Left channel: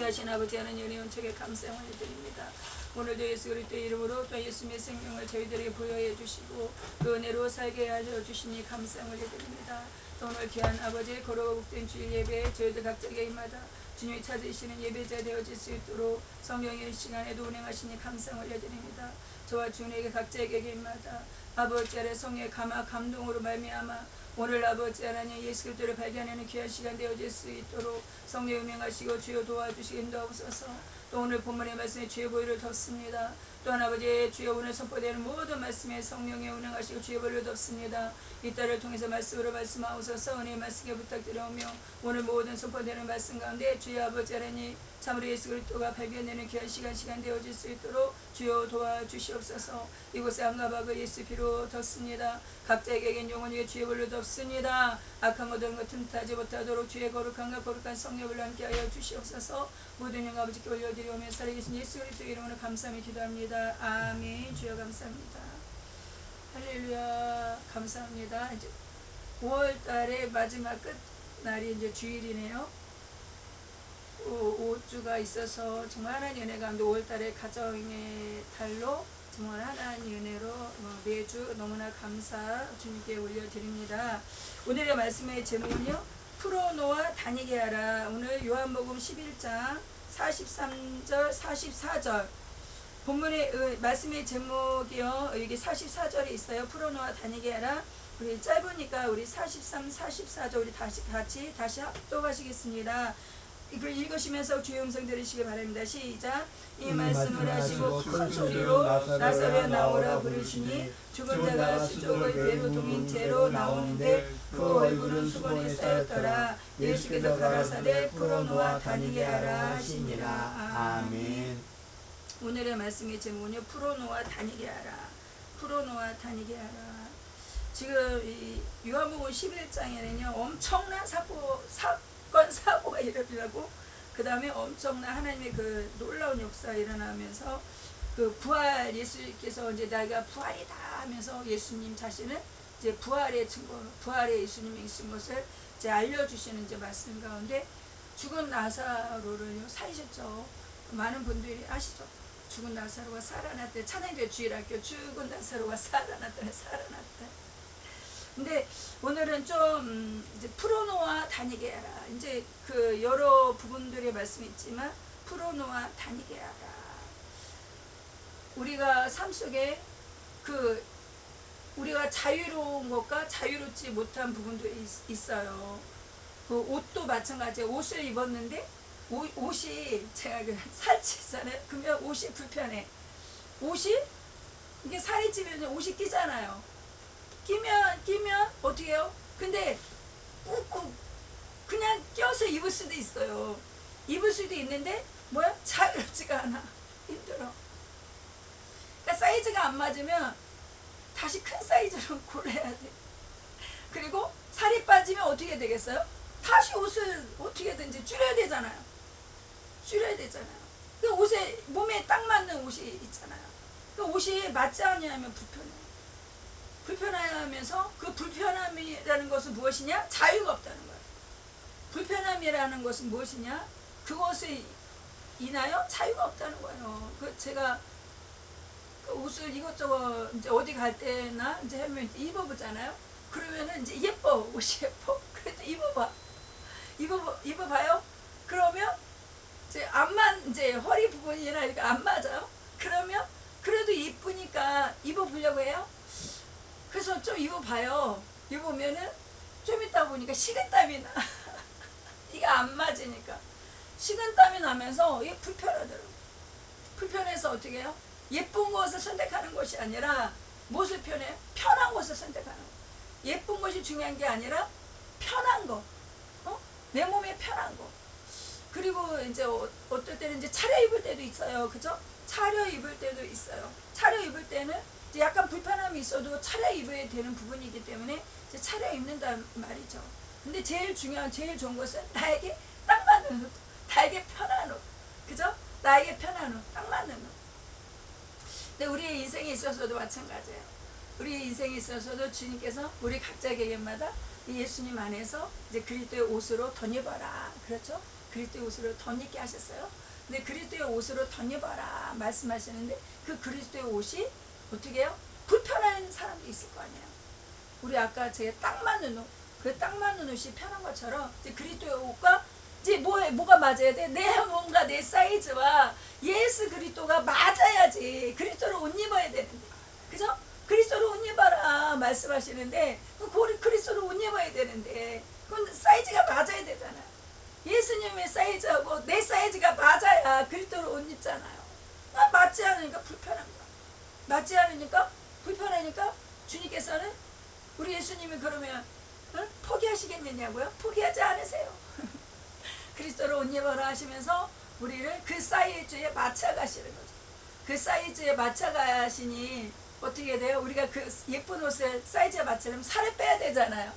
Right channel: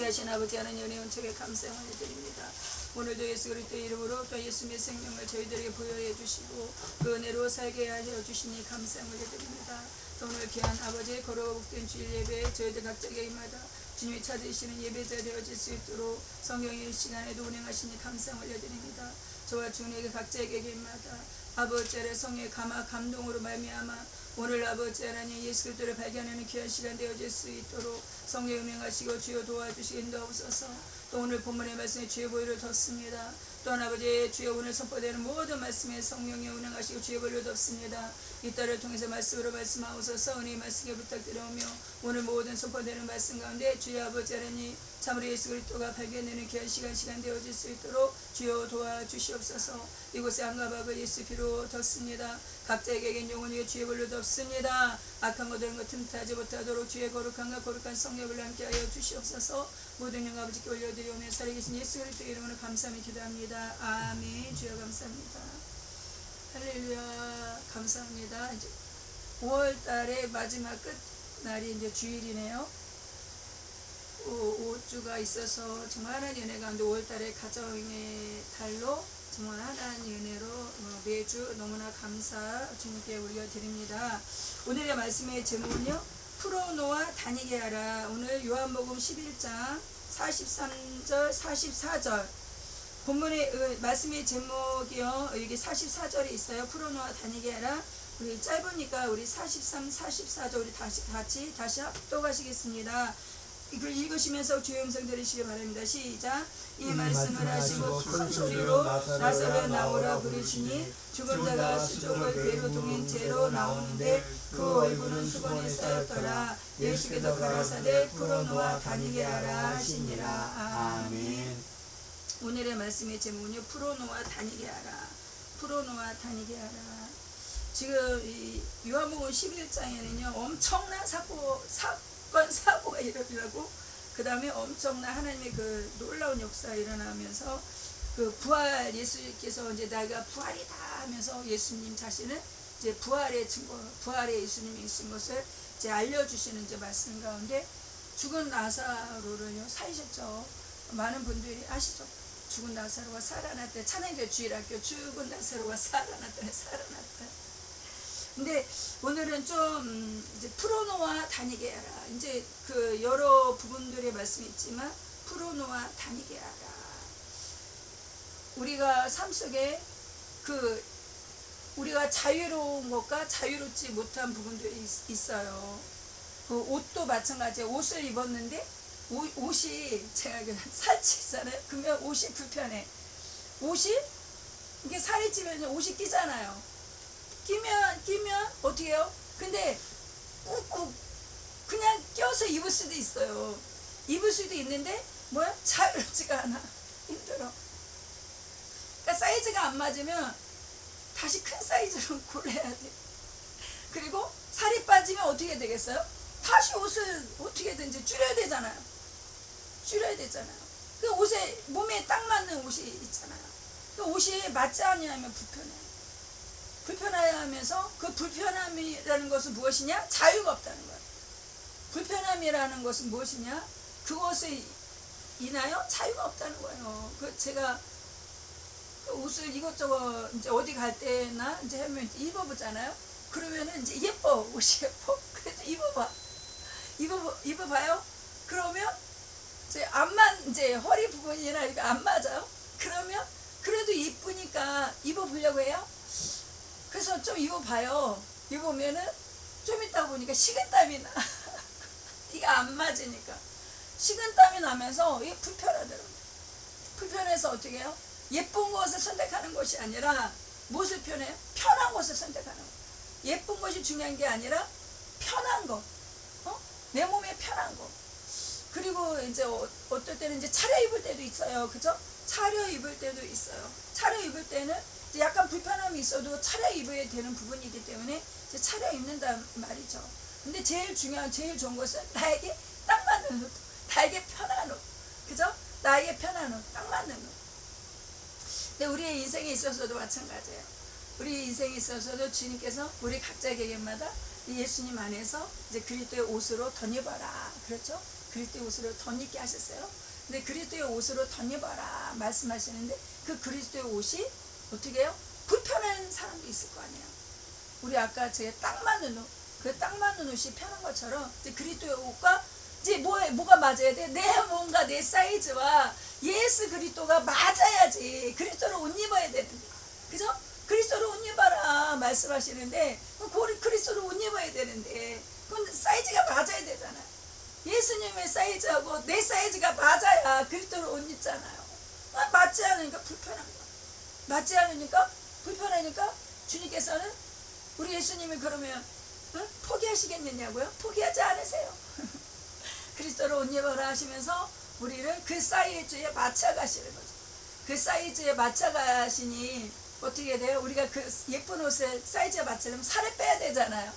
귀하신 아버지 하나님 은혜 은총에 감사를 드립니다. 오늘도 예수 그리스도의 이름으로 또 예수님의 생명을 저희들에게 부여해 주시고 그 은혜로 살게 하여 주시니 감사를 드립니다. 또 오늘 귀한 아버지의 거룩하고 복된 주일 예배에 저희들 각자 개인마다 주님이 찾으시는 예배자 되어질 수 있도록 성령의 시간에도 운행하시니 감사를 드립니다. 저와 주님에게 각자에게 개인마다 아버지 아래 성령의 감동으로 말미암아 오늘 아버지 하나님 예수 그리스도를 발견하는 귀한 시간 되어질 수 있도록 성령 운행하시고 주여 도와주시기 인도하옵소서. 또 오늘 본문의 말씀에 주의 보혈을 덮습니다. 또한 아버지 주여 오늘 선포되는 모든 말씀에 성령의 운행하시고 주의 보혈을 덮습니다. 이 딸을 통해서 말씀으로 말씀하옵소서. 은혜의 말씀에 부탁드려오며 오늘 모든 선포되는 말씀 가운데 주여 아버지 하나님 참으로 예수 그리스도가 발견되는 귀한 시간 되어질 수 있도록 주여 도와주시옵소서. 이곳에 한가박을 예수 피로 덮습니다. 각자에게 영혼 위에 주의 보혈로 덮습니다. 악한 것들은 것 틈타지 못하도록 주의 거룩함과 거룩한 성령을 함께하여 주시옵소서. 모든 영광 아버지께 올려드리오며 살아계신 예수 그리스도 이름으로 감사하며 기도합니다. 아멘. 주여 감사합니다. 할렐루야. 감사합니다. 이제 5월달의 마지막 끝 날이 이제 주일이네요. 5주가 있어서 정말 하나님 은혜 가운데 5월달에 가정의 달로 정말 하나님 은혜로 매주 너무나 감사 주님께 올려드립니다. 오늘의 말씀의 제목은요, 풀어놓아 다니게 하라. 오늘 요한복음 11장 43절 44절 본문의 말씀의 제목이요, 여기 44절에 있어요. 풀어놓아 다니게 하라. 우리 짧으니까 우리 43, 44절 우리 다시 합독하시겠습니다. 이걸 읽으시면서 주의 음성 들으시기 바랍니다. 시작. 이 말씀을 하시고 큰 소리로 나사로야 나오라 부르시니 죽은 자가 수족을 배로 동인 채로 나오는데 그 얼굴은 수건에 쌓였더라. 예수께서 가라사대 풀어놓아 다니게 하라 하시니라. 아멘. 오늘의 말씀의 제목은요, 풀어놓아 다니게 하라. 풀어놓아 다니게 하라. 지금 이 요한복음 11장에는요 엄청난 사고가 일어나고 그 다음에 엄청난 하나님의 그 놀라운 역사가 일어나면서 그 부활, 예수님께서 이제 내가 부활이다 하면서 예수님 자신은 이제 부활의 증거, 부활의 예수님이 있은 것을 이제 알려주시는 이제 말씀 가운데 죽은 나사로를 살리셨죠. 많은 분들이 아시죠? 죽은 나사로가 살아났대. 찬양대 주일학교 죽은 나사로가 살아났다. 근데 오늘은 좀 이제 풀어놓아 다니게 하라. 이제 그 여러 부분들의 말씀이 있지만 풀어놓아 다니게 하라. 우리가 삶 속에 그 우리가 자유로운 것과 자유롭지 못한 부분들이 있어요. 그 옷도 마찬가지예요. 옷을 입었는데 옷이 제가 살찌잖아요. 그러면 옷이 불편해. 옷이 이게 살이 찌면 옷이 끼잖아요. 끼면 어떻게 해요? 근데 꾹꾹 그냥 껴서 입을 수도 있어요. 입을 수도 있는데 뭐야? 자유롭지가 않아. 힘들어. 그러니까 사이즈가 안 맞으면 다시 큰 사이즈로 골라야 돼. 그리고 살이 빠지면 어떻게 되겠어요? 다시 옷을 어떻게든지 줄여야 되잖아요. 그 옷에 몸에 딱 맞는 옷이 있잖아요. 그 옷이 맞지 않으면 불편해요. 불편하면서 그 불편함이라는 것은 무엇이냐? 자유가 없다는 거예요. 불편함이라는 것은 무엇이냐? 그것을 인하여 자유가 없다는 거예요. 그 제가 그 옷을 이것저것 이제 어디 갈 때나 이제 하면 입어보잖아요. 그러면은 이제 예뻐, 옷이 예뻐. 그래도 입어봐요. 그러면 이제 허리 부분이나 이거 안 맞아요. 그러면 그래도 이쁘니까 입어보려고 해요. 그래서 좀 입어봐요. 입으면은 좀 있다 보니까 식은땀이 나. 이게 안 맞으니까. 식은땀이 나면서 이게 불편하더라고요. 불편해서 어떻게 해요? 예쁜 것을 선택하는 것이 아니라 무엇을 편해요? 편한 것을 선택하는 거. 예쁜 것이 중요한 게 아니라 편한 거. 내 몸에 편한 거. 그리고 이제 어떨 때는 이제 차려입을 때도 있어요. 그죠? 차려입을 때도 있어요. 차려입을 때는 이제 약간 불편함이 있어도 차려입어야 되는 부분이기 때문에 이제 차려입는단 말이죠. 근데 제일 좋은 것은 나에게 딱 맞는 옷, 나에게 편한 옷. 그죠? 나에게 편한 옷, 딱 맞는 옷. 근데 우리의 인생에 있어서도 마찬가지예요. 우리 인생에 있어서도 주님께서 우리 각자 개개인마다 예수님 안에서 이제 그리스도의 옷으로 덧입어라. 그렇죠? 그리스도의 옷으로 덧입게 하셨어요. 근데 그리스도의 옷으로 덧입어라 말씀하시는데 그 그리스도의 옷이 어떻게 해요? 불편한 사람도 있을 거 아니에요. 우리 아까 제가 딱 맞는 옷, 그 딱 맞는 옷이 편한 것처럼 이제 그리스도의 옷과 이제 뭐가 맞아야 돼? 뭔가 내 사이즈와 예수 그리스도가 맞아야지. 그리스도를 옷 입어야 되는데, 그죠? 그리스도를 옷 입어라 말씀하시는데 그리스도를 옷 입어야 되는데 그건 사이즈가 맞아야 되잖아요. 예수님의 사이즈하고 내 사이즈가 맞아야 그리스도를 옷 입잖아요. 맞지 않으니까 불편한 거야. 맞지 않으니까 불편하니까 주님께서는 우리 예수님이 그러면 포기하시겠느냐고요? 포기하지 않으세요. 그리스도를 옷 입어라 하시면서 우리를 그 사이즈에 맞춰가시는 거죠. 그 사이즈에 맞춰가시니 어떻게 돼요? 우리가 그 예쁜 옷에 사이즈에 맞추려면 살을 빼야 되잖아요.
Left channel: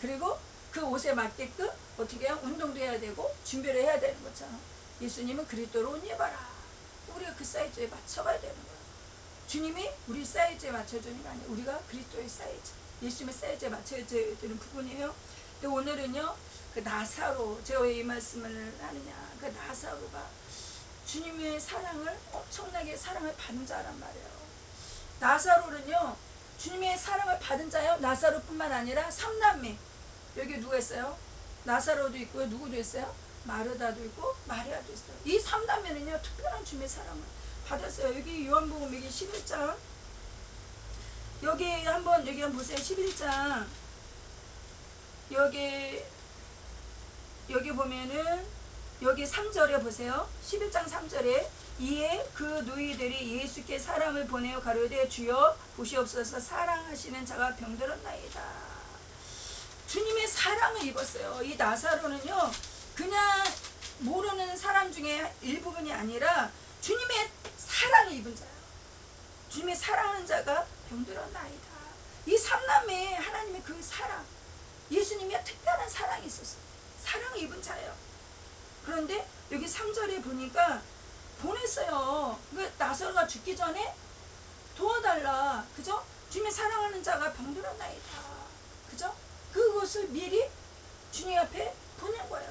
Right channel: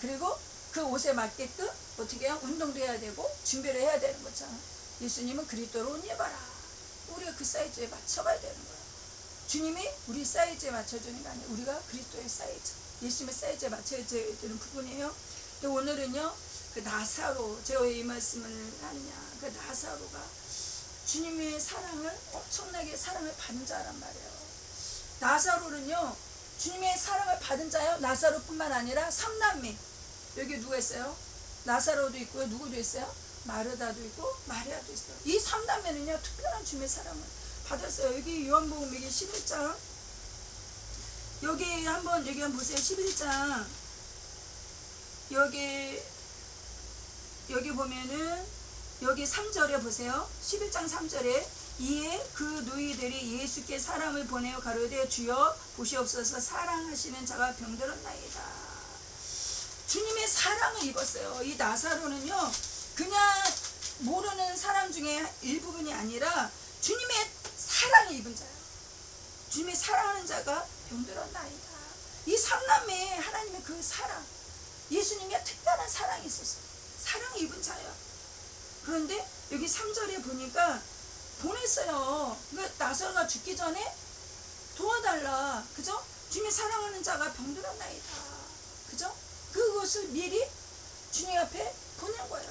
그리고 그 옷에 맞게끔 어떻게 해요? 운동도 해야 되고 준비를 해야 되는 거잖아. 예수님은 그리스도를 옷 입어라. 우리가 그 사이즈에 맞춰가야 되는 거예요. 주님이 우리 사이즈에 맞춰주는 게 아니에요. 우리가 그리스도의 사이즈, 예수님의 사이즈에 맞춰야 되는 부분이에요. 근데 오늘은요, 그 나사로, 제가 왜 이 말씀을 하느냐, 그 나사로가 주님의 사랑을 엄청나게 사랑을 받은 자란 말이에요. 나사로는요, 주님의 사랑을 받은 자요. 나사로뿐만 아니라 삼남매. 여기 누가 있어요? 나사로도 있고요. 누구도 있어요? 마르다도 있고 마리아도 있어요. 이 삼남매는요, 특별한 주님의 사랑을 받았어요. 여기 요한복음 여기 11장 여기 한번 보세요. 11장 여기 보면은 여기 3절에 보세요. 11장 3절에 이에 그 누이들이 예수께 사람을 보내어 가로되 주여 보시옵소서 사랑하시는 자가 병들었나이다. 주님의 사랑을 입었어요. 이 나사로는요, 그냥 모르는 사람 중에 일부분이 아니라 주님의 사랑을 입은 자예요. 주님의 사랑하는 자가 병들었나이다. 이 삼남매에 하나님의 그 사랑, 예수님의 특별한 사랑이 있었어요. 사랑을 입은 자예요. 그런데 여기 3절에 보니까 보냈어요. 그 나사로가 죽기 전에 도와달라. 그죠? 주님의 사랑하는 자가 병들었나이다. 그죠? 그것을 미리 주님 앞에 보낸 거예요.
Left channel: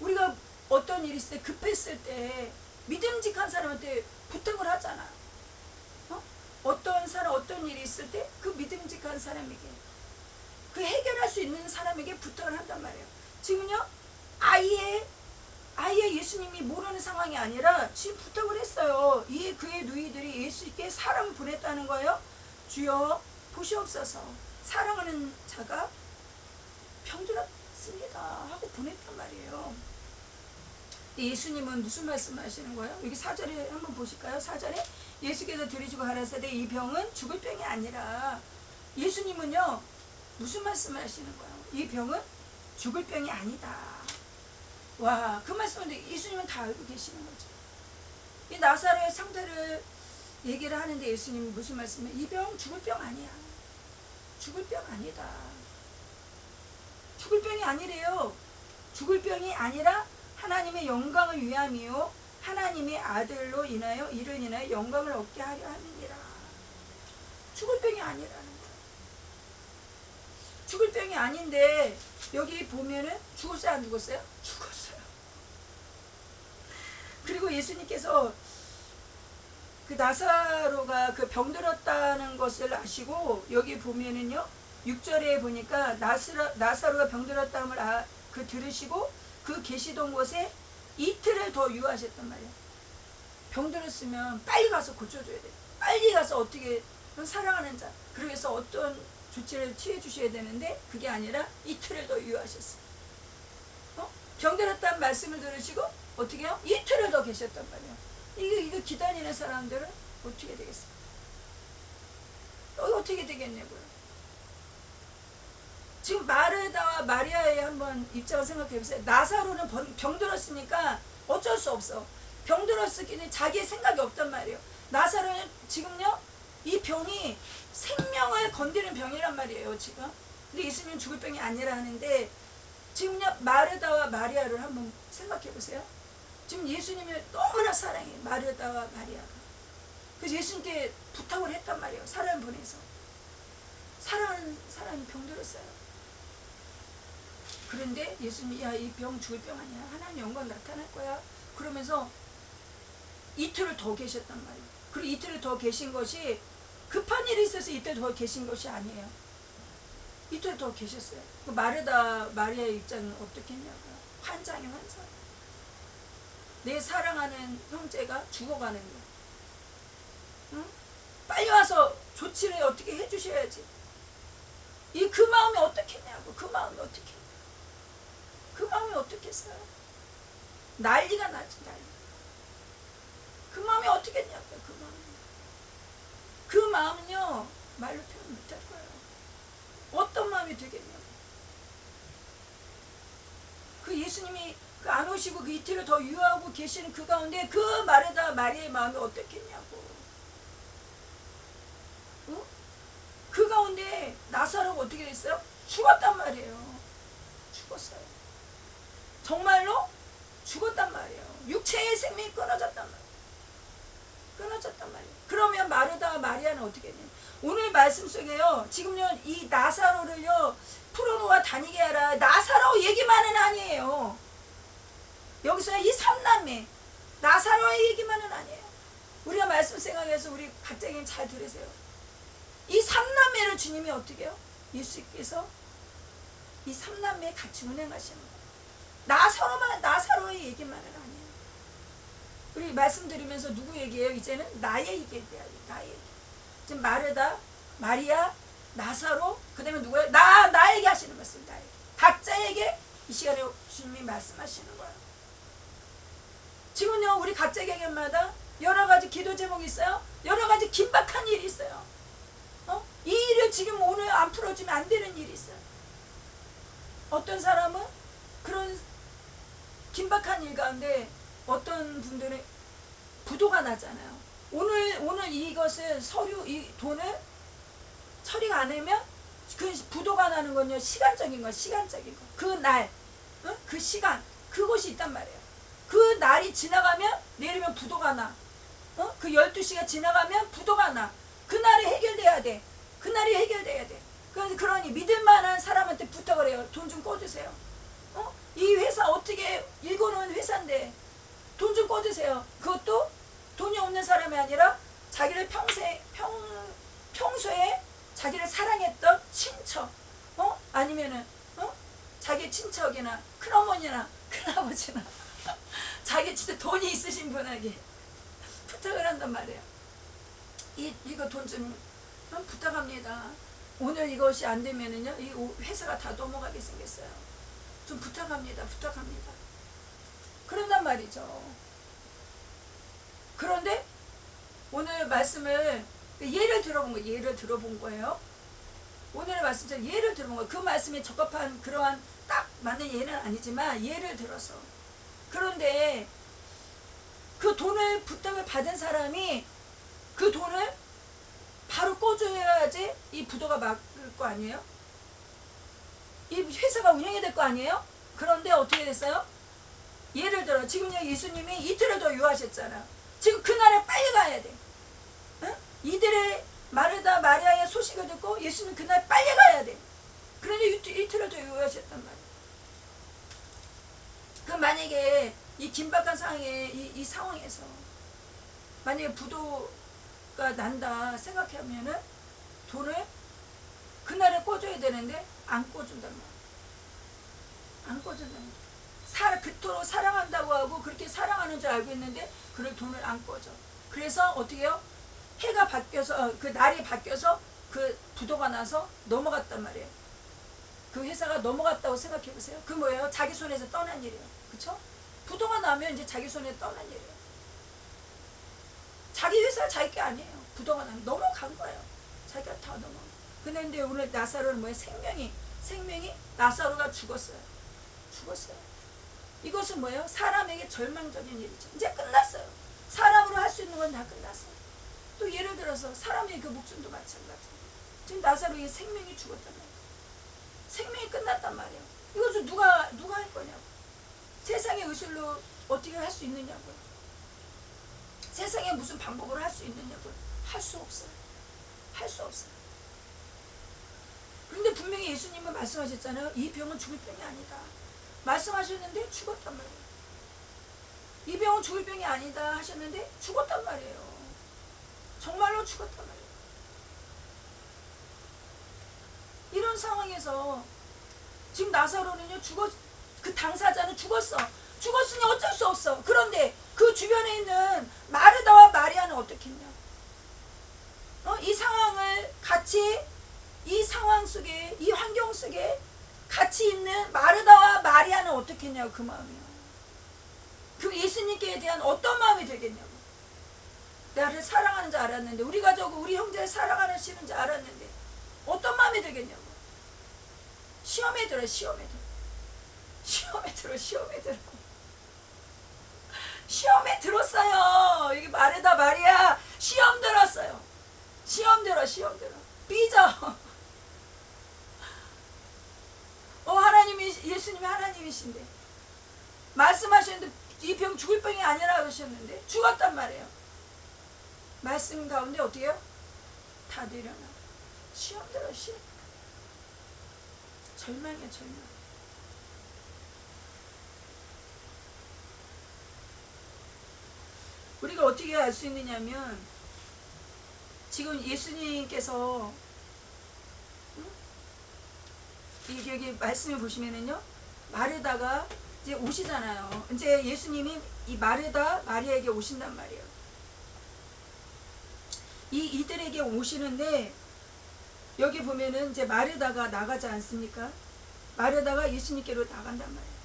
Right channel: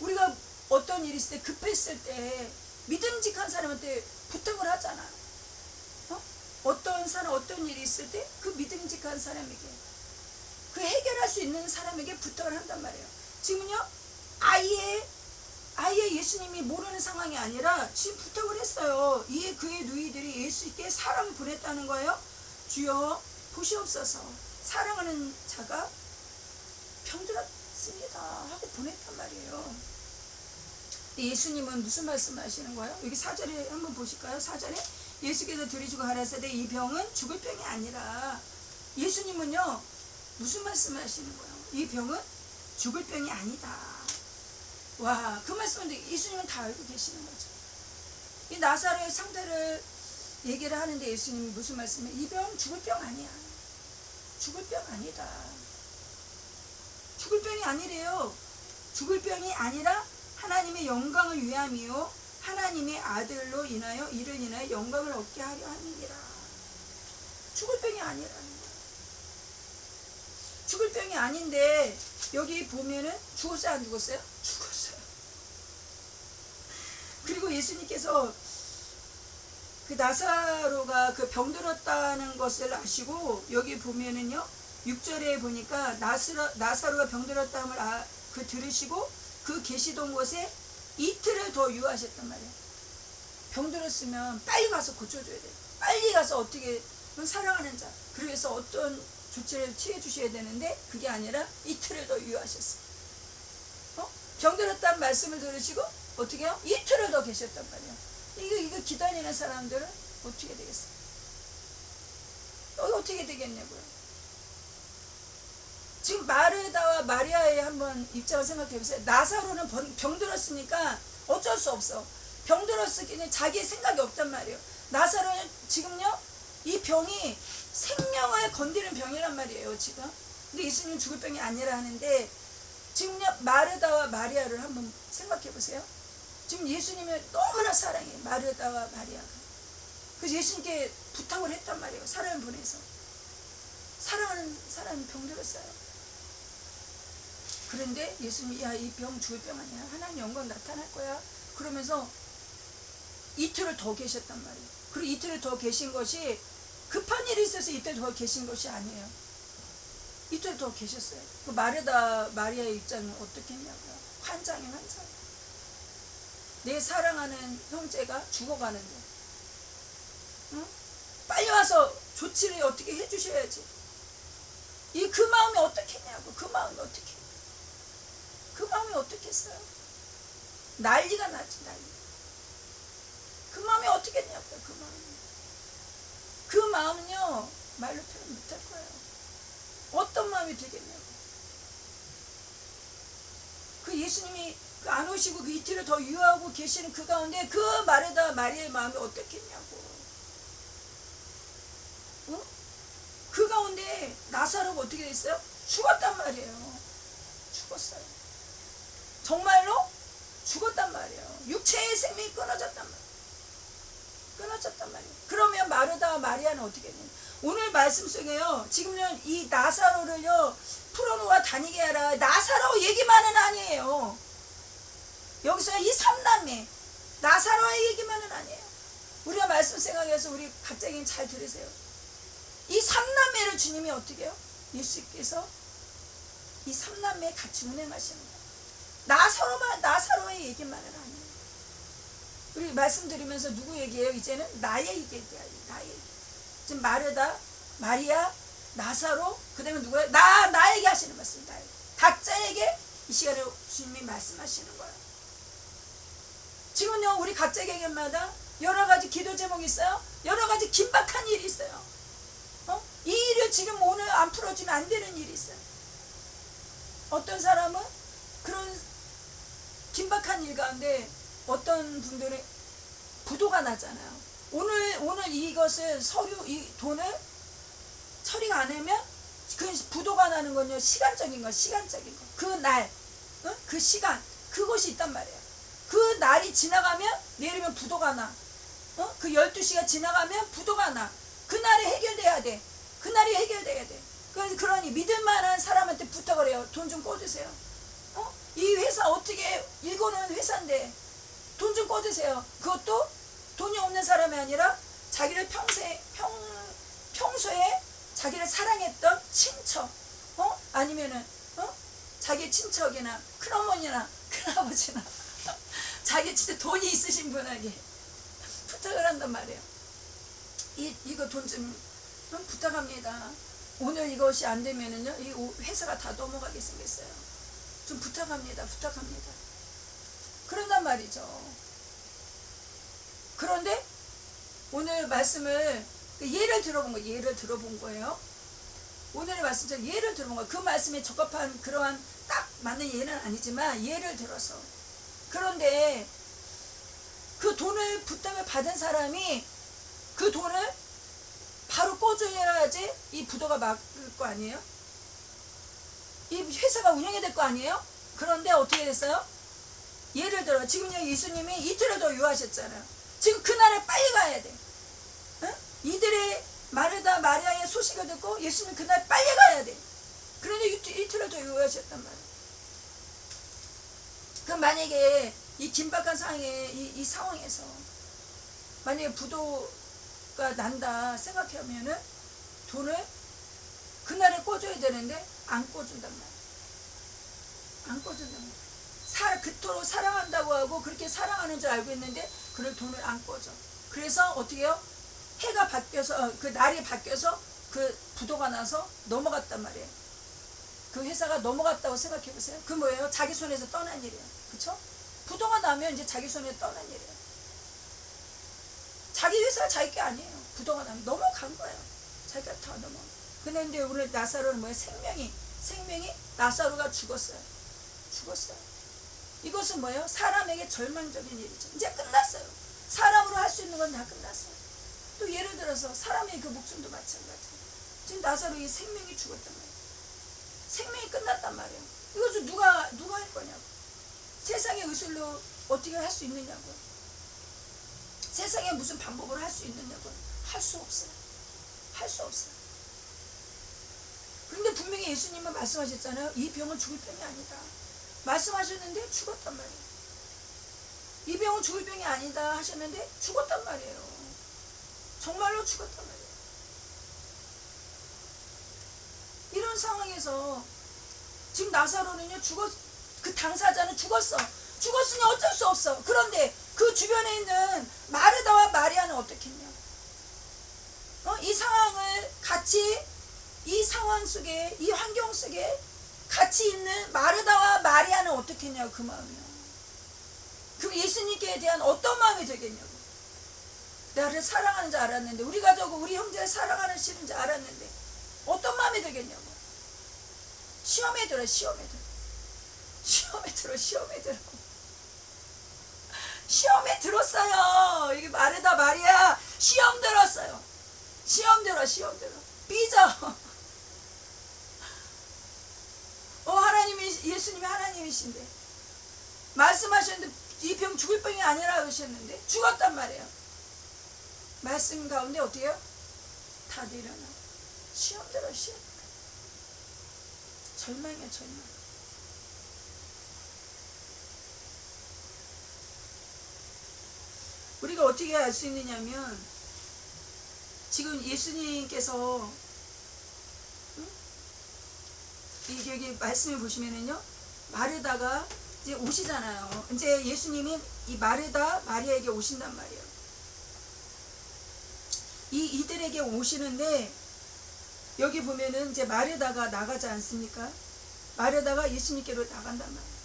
우리가 어떤 일이 있을 때 급했을 때 믿음직한 사람한테 부탁을 하잖아요. 어떤 일이 있을 때 그 믿음직한 사람에게 그 해결할 수 있는 사람에게 부탁을 한단 말이에요. 지금은요, 아예 예수님이 모르는 상황이 아니라 지금 부탁을 했어요. 이에 그의 누이들이 예수께 사람을 보냈다는 거예요. 주여 보시옵소서 사랑하는 자가 병들었습니다 하고 보냈단 말이에요. 예수님은 무슨 말씀을 하시는 거예요? 여기 4절에 한번 보실까요? 4절에 예수께서 들으시고 가라사대 이 병은 죽을 병이 아니라, 예수님은요 무슨 말씀을 하시는 거예요? 이 병은 죽을 병이 아니다. 와, 그 말씀은 예수님은 다 알고 계시는 거죠. 이 나사로의 상태를 얘기를 하는데 예수님이 무슨 말씀을, 이 병 죽을 병 아니야. 죽을 병 아니다. 죽을 병이 아니래요. 죽을 병이 아니라 하나님의 영광을 위함이요 하나님의 아들로 인하여 이를 인하여 영광을 얻게 하려 함이니라. 죽을 병이 아니라는 거예요. 죽을 병이 아닌데 여기 보면은 죽었어요 안 죽었어요? 죽었어요. 그리고 예수님께서 그 나사로가 그 병들었다는 것을 아시고 여기 보면은요 6절에 보니까 나사로가 병들었다는 걸 그 들으시고 그 계시던 곳에 이틀을 더 유하셨단 말이에요. 병들었으면 빨리 가서 고쳐줘야 돼요. 빨리 가서 어떻게 사랑하는 자, 그래서 어떤 조치를 취해 주셔야 되는데 그게 아니라 이틀을 더 유하셨어요. 병들었다는 말씀을 들으시고 어떻게 해요? 이틀을 더 계셨단 말이에요. 이거 기다리는 사람들은 어떻게 되겠어요? 어떻게 되겠냐고요. 지금 마르다와 마리아의 한번 입장을 생각해 보세요. 나사로는 병들었으니까 어쩔 수 없어. 병들었으니 자기의 생각이 없단 말이에요. 나사로는 지금요 이 병이 생명을 건드리는 병이란 말이에요 지금. 근데 예수님은 죽을 병이 아니라 하는데 지금요 마르다와 마리아를 한번 생각해 보세요. 지금 예수님을 너무나 사랑해 마르다와 마리아가. 그래서 예수님께 부탁을 했단 말이에요. 사람을 보내서. 사랑하는 사람이 병들었어요. 그런데 예수님이 야, 이 병 죽을 병 아니야. 하나님 영광 나타날 거야. 그러면서 이틀을 더 계셨단 말이에요. 그리고 이틀을 더 계신 것이 급한 일이 있어서 이틀 더 계신 것이 아니에요. 이틀 더 계셨어요. 그 마르다 마리아의 입장은 어떻겠냐고요. 환장이 환장. 내 사랑하는 형제가 죽어가는데, 응? 빨리 와서 조치를 어떻게 해주셔야지. 그 마음이 어떻겠냐고. 그 마음이 어떻게? 그 마음이 어떻겠어요? 난리가 나지 난리. 그 마음이 어떻겠냐고요. 그 마음이. 그 마음은요 말로 표현 못할 거예요. 어떤 마음이 되겠냐고. 그 예수님이 안 오시고 그 이틀을 더 유하고 계시는 그 가운데 그 마르다 마리아의 마음이 어떻겠냐고. 응? 그 가운데 나사로가 어떻게 됐어요? 죽었단 말이에요. 죽었어요. 정말로 죽었단 말이에요. 육체의 생명이 끊어졌단 말이에요. 끊어졌단 말이에요. 그러면 마르다와 마리아는 어떻게 했냐? 오늘 말씀 속에요. 지금요 이 나사로를요 풀어놓아 다니게 하라. 나사로 얘기만은 아니에요. 여기서 이 삼남매 나사로의 얘기만은 아니에요. 우리가 말씀 생각해서 우리 각자에게 잘 들으세요. 이 삼남매를 주님이 어떻게 해요? 예수께서 이 삼남매 같이 운행하시는 거예요. 나사로의 얘기만은 아니에요. 우리 말씀드리면서 누구 얘기예요? 이제는 나의 얘기예요. 나의 얘기. 지금 마르다, 마리아, 나사로, 그 다음에 누구예요? 나에게 하시는 말씀. 나에게. 각자에게 이 시간에 주님이 말씀하시는 거예요. 지금요 우리 각자에게마다 여러 가지 기도 제목이 있어요. 여러 가지 긴박한 일이 있어요. 이 일을 지금 오늘 안 풀어주면 안 되는 일이 있어요. 어떤 사람은 그런 긴박한 일 가운데 어떤 분들은 부도가 나잖아요. 오늘 이것을 이 돈을 처리가 안 하면 그 부도가 나는 건요 시간적인 거. 그 날, 그 시간, 그것이 있단 말이에요. 그 날이 지나가면 내일이면 부도가 나. 그 12시가 지나가면 부도가 나. 그날이 해결돼야 돼. 그날이 해결돼야 돼. 그러니 믿을 만한 사람한테 부탁을 해요. 돈 좀 꿔주세요. 이 회사 어떻게 일궈놓은 회사인데 돈 좀 꿔주세요. 그것도 돈이 없는 사람이 아니라 자기를 평소에 자기를 사랑했던 친척, 아니면은 자기 친척이나 큰어머니나 큰아버지나 자기 진짜 돈이 있으신 분에게 부탁을 한단 말이에요. 이거 돈 좀 부탁합니다. 오늘 이것이 안 되면은요 이 회사가 다 넘어가게 생겼어요. 좀 부탁합니다. 그런단 말이죠. 그런데 오늘 말씀을 예를 들어본 거예요. 오늘의 말씀처럼 예를 들어본 거예요. 그 말씀에 적합한 그러한 딱 맞는 예는 아니지만 예를 들어서. 그런데 그 돈을 부탁을 받은 사람이 그 돈을 바로 꿔줘야지 이 부도가 막을 거 아니에요? 이 회사가 운영이 될 거 아니에요? 그런데 어떻게 됐어요? 예를 들어 지금요 예수님이 이틀을 더 유하셨잖아. 지금 그날에 빨리 가야 돼. 이들의 마르다 마리아의 소식을 듣고 예수님 그날 빨리 가야 돼. 그런데 이틀을 더 유하셨단 말이에요. 그럼 만약에 이 긴박한 상황에 이 상황에서 만약에 부도가 난다 생각하면은 돈을 그날에 꿔줘야 되는데 안 꿔준단 말이야. 안 꿔준단 말이야. 그토록 사랑한다고 하고 그렇게 사랑하는 줄 알고 있는데 그럴 돈을 안 꿔줘. 그래서 어떻게 해요? 해가 바뀌어서 그 날이 바뀌어서 그 부도가 나서 넘어갔단 말이에요. 그 회사가 넘어갔다고 생각해 보세요. 그 뭐예요? 자기 손에서 떠난 일이에요. 그쵸? 부도가 나면 이제 자기 손에 떠난 일이에요. 자기 회사가 자기 게 아니에요. 부도가 나면 넘어간 거예요. 자기가 다 넘어간 거예요. 근데 오늘 나사로는 뭐예요? 생명이 나사로가 죽었어요. 이것은 뭐예요? 사람에게 절망적인 일이죠. 이제 끝났어요. 사람으로 할 수 있는 건 다 끝났어요. 또 예를 들어서 사람의 그 목숨도 마찬가지. 지금 나사로의 생명이 죽었단 말이에요. 생명이 끝났단 말이에요. 이것을 누가 할 거냐고. 세상의 의술로 어떻게 할 수 있느냐고요. 세상에 무슨 방법으로 할 수 있느냐고요. 할 수 없어요. 그런데 분명히 예수님은 말씀하셨잖아요. 이 병은 죽을 병이 아니다. 말씀하셨는데 죽었단 말이에요. 이 병은 죽을 병이 아니다 하셨는데 죽었단 말이에요. 정말로 죽었단 말이에요. 이런 상황에서 지금 나사로는요, 그 당사자는 죽었으니 어쩔 수 없어. 그런데 그 주변에 있는 마르다와 마리아는 어떻겠냐고. 이 상황을 같이, 이 상황 속에, 이 환경 속에 같이 있는 마르다와 마리아는 어떻겠냐고. 그 마음이요. 그럼 예수님께 대한 어떤 마음이 되겠냐고. 나를 사랑하는 줄 알았는데, 우리 가족, 우리 형제를 사랑하시는 줄 알았는데 어떤 마음이 되겠냐고. 시험에 들어. 시험에 들었어요. 여기 마르다 마리아 시험 들었어요. 시험 들어. 삐져. 예수님이 하나님이신데 말씀하셨는데 이 병 죽을 병이 아니라 하셨는데 죽었단 말이에요. 말씀 가운데 어떻게 해요? 다 내려놔. 시험 들어. 절망이야, 절망. 우리가 어떻게 알 수 있느냐면, 지금 예수님께서 여기 말씀을 보시면은요, 마르다가 이제 오시잖아요. 이제 예수님이 이 마르다 마리아에게 오신단 말이에요. 이들에게 오시는데, 여기 보면은 이제 마르다가 나가지 않습니까? 마르다가 예수님께로 나간단 말이에요.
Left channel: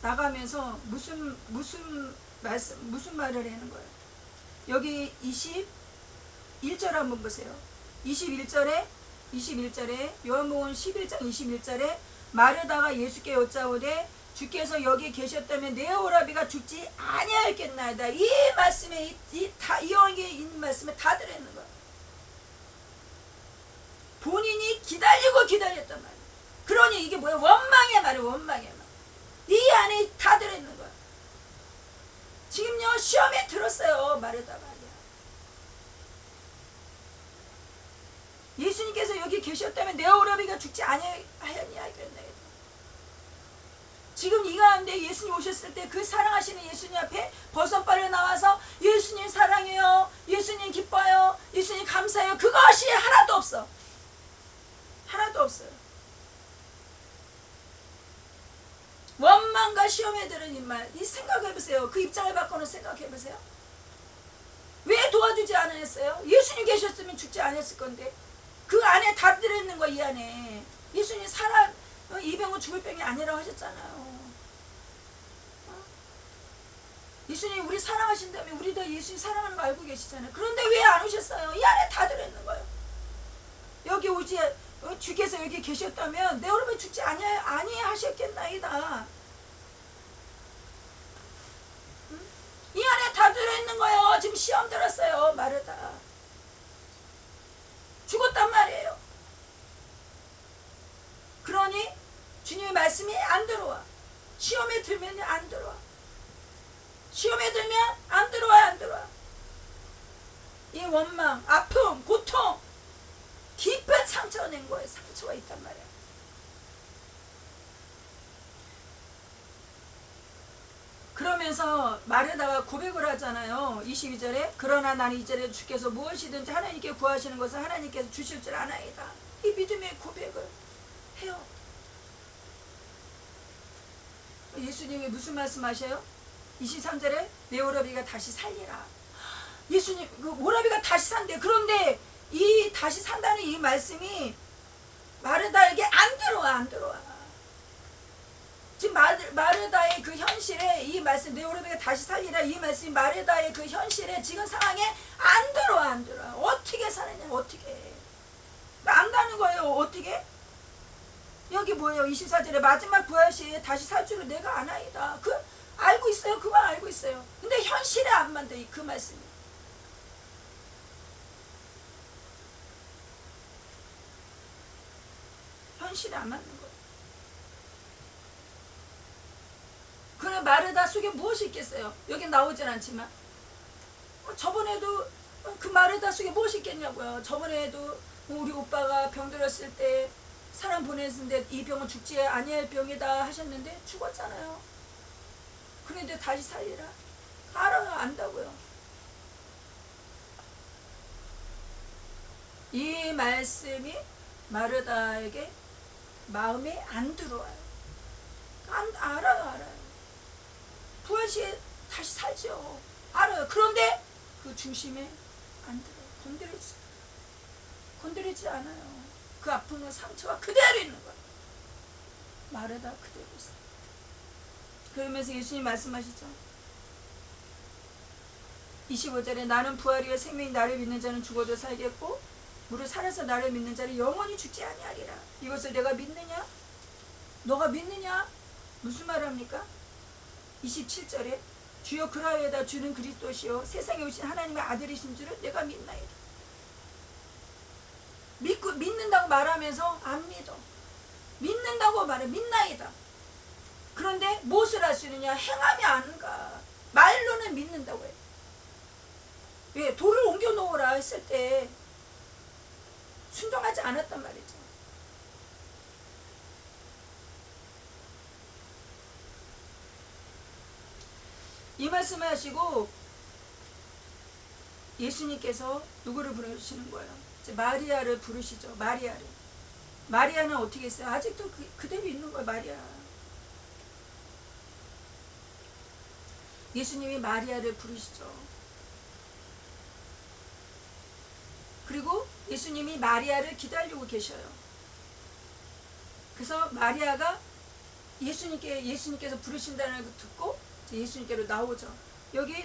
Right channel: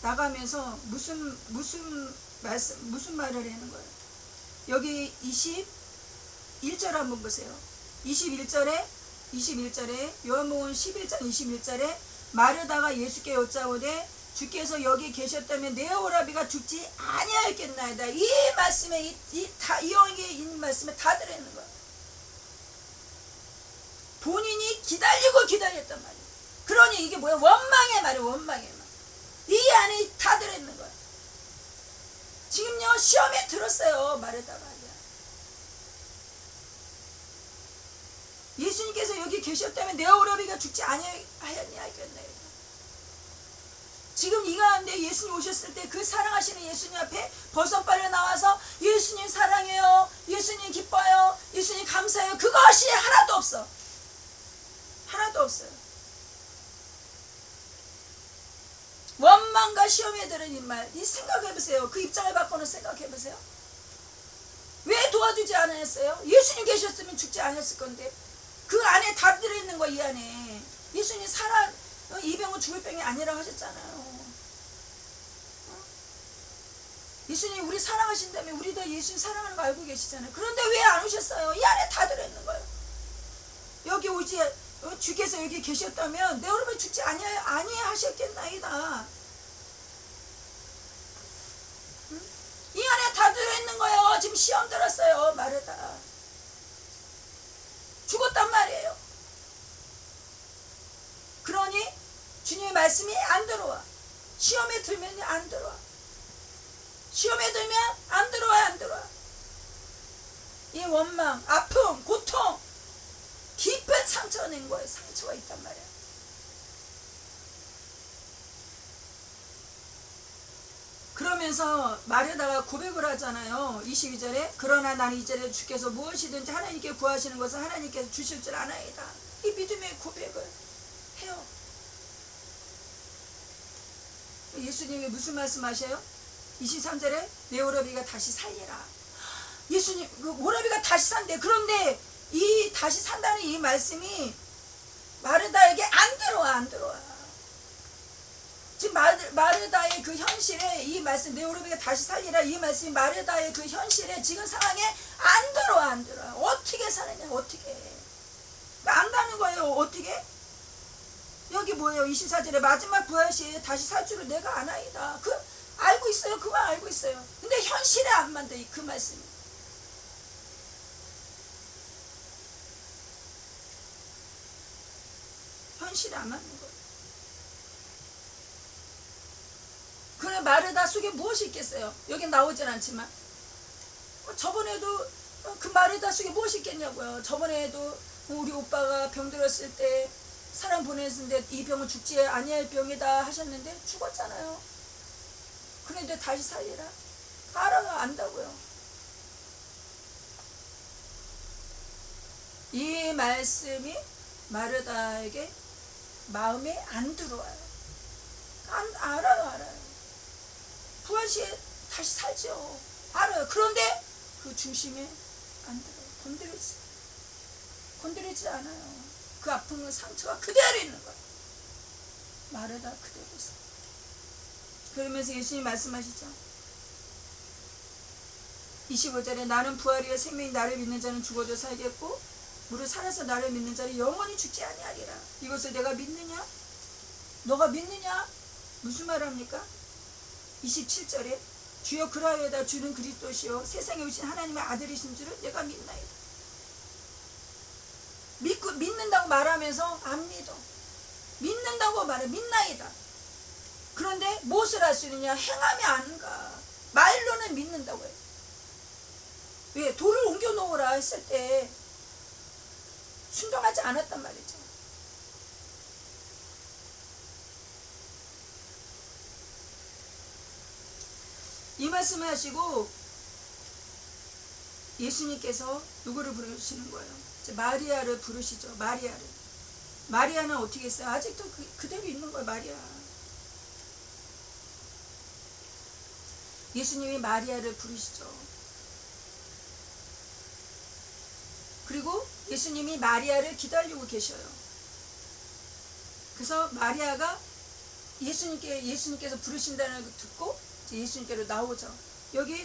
나가면서 무슨 말을 하는 거예요? 여기 21절 한번 보세요. 21절에 요한복음 11장 21절에 마르다가 예수께 여짜오되 주께서 여기 계셨다면 내 오라비가 죽지 아니하였겠나이다. 이 말씀에 이 여기에 있는 말씀에 다 들어있는 거예요. 본인이 기다렸단 말이에요. 그러니 이게 뭐야? 원망의 말이에요. 원망의 말. 이 안에 다 들어있는 거예요. 지금요, 시험에 들었어요. 마르다 마리아. 예수님께서 여기 계셨다면 내 오라비가 죽지 아니하였나이다. 지금 이 가운데 예수님 오셨을 때 그 사랑하시는 예수님 앞에 버선발을 나와서 예수님 사랑해요, 예수님 기뻐요, 예수님 감사해요, 그것이 하나도 없어. 하나도 없어요. 원망과 시험에 들은 이 말, 이 생각해보세요. 그 입장을 바꿔서 생각해보세요. 왜 도와주지 않았어요? 예수님 계셨으면 죽지 않았을 건데. 그 안에 다 들어있는 거, 이 안에. 예수님 이 병은 죽을 병이 아니라고 하셨잖아요. 예수님 우리 사랑하신다면 우리도 예수님 사랑하는 거 알고 계시잖아요. 그런데 왜 안 오셨어요? 이 안에 다 들어있는 거예요. 여기 오지, 주께서 여기 계셨다면 내 오라비 죽지 아니하셨겠나이다. 응? 이 안에 다 들어있는 거예요. 지금 시험 들었어요. 마르다. 죽었단 말이에요. 그러니 주님의 말씀이 안 들어와. 시험에 들면 안 들어와. 시험에 들면 안 들어와. 이 원망, 아픔, 고통, 깊은 상처가 낸 거예요. 상처가 있단 말이에요. 그러면서 마르다가 고백을 하잖아요. 22절에 그러나 나는 이전에 주께서 무엇이든지 하나님께 구하시는 것을 하나님께서 주실 줄 아나이다. 이 믿음의 고백을 해요. 예수님이 무슨 말씀하셔요? 23절에 내 오라비가 다시 살리라. 예수님 그 오라비가 다시 산대. 그런데 이 다시 산다는 이 말씀이 마르다에게 안 들어와. 지금 마르다의 그 현실에 이 말씀, 내 오라비가 다시 살리라, 이 말씀이 마르다의 그 현실에 지금 상황에 안 들어와. 어떻게 사느냐, 어떻게. 안 가는 거예요. 어떻게? 여기 뭐예요? 24절에 마지막 부활시에 다시 살 줄을 내가 아나이다. 알고 있어요. 그 말 알고 있어요. 근데 현실에 안 맞다. 그 말씀이. 현실에 안 맞는 거예요. 그래 마르다 속에 무엇이 있겠어요? 여기 나오진 않지만 저번에도 그 마르다 속에 무엇이 있겠냐고요. 저번에도 우리 오빠가 병들었을 때 사람 보냈는데 이 병은 죽지 아니할 병이다 하셨는데 죽었잖아요. 그런데 다시 살리라. 알아가 안다고요. 이 말씀이 마르다에게 마음에 안 들어와요. 알아요. 부활시에 다시 살죠. 알아요. 그런데 그 중심에 안 들어. 건드리지 않아요. 그 아픔과 상처가 그대로 있는 거예요. 마르다 그대로 있어. 그러면서 예수님 말씀하시죠. 25절에 나는 부활이요 생명이 나를 믿는 자는 죽어도 살겠고 무릇 살아서 나를 믿는 자는 영원히 죽지 아니하리라. 이것을 내가 믿느냐? 너가 믿느냐? 무슨 말합니까? 27절에 주여 그라하여다 주는 그리스도시요 세상에 오신 하나님의 아들이신 줄을 내가 믿나이다. 믿는다고 말하면서 안 믿어. 믿는다고 말해 믿나이다. 그런데 무엇을 할 수 있느냐? 행하면 안 가. 말로는 믿는다고 해. 왜? 돌을 옮겨 놓으라 했을 때 순종하지 않았단 말이죠. 이 말씀을 하시고 예수님께서 누구를 부르시는 거예요? 마리아를 부르시죠. 마리아는 어떻게 했어요? 아직도 그대로 있는 거예요. 마리아. 예수님이 마리아를 부르시죠. 그리고 예수님이 마리아를 기다리고 계셔요. 그래서 마리아가 예수님께서 부르신다는 걸 듣고 예수님께로 나오죠. 여기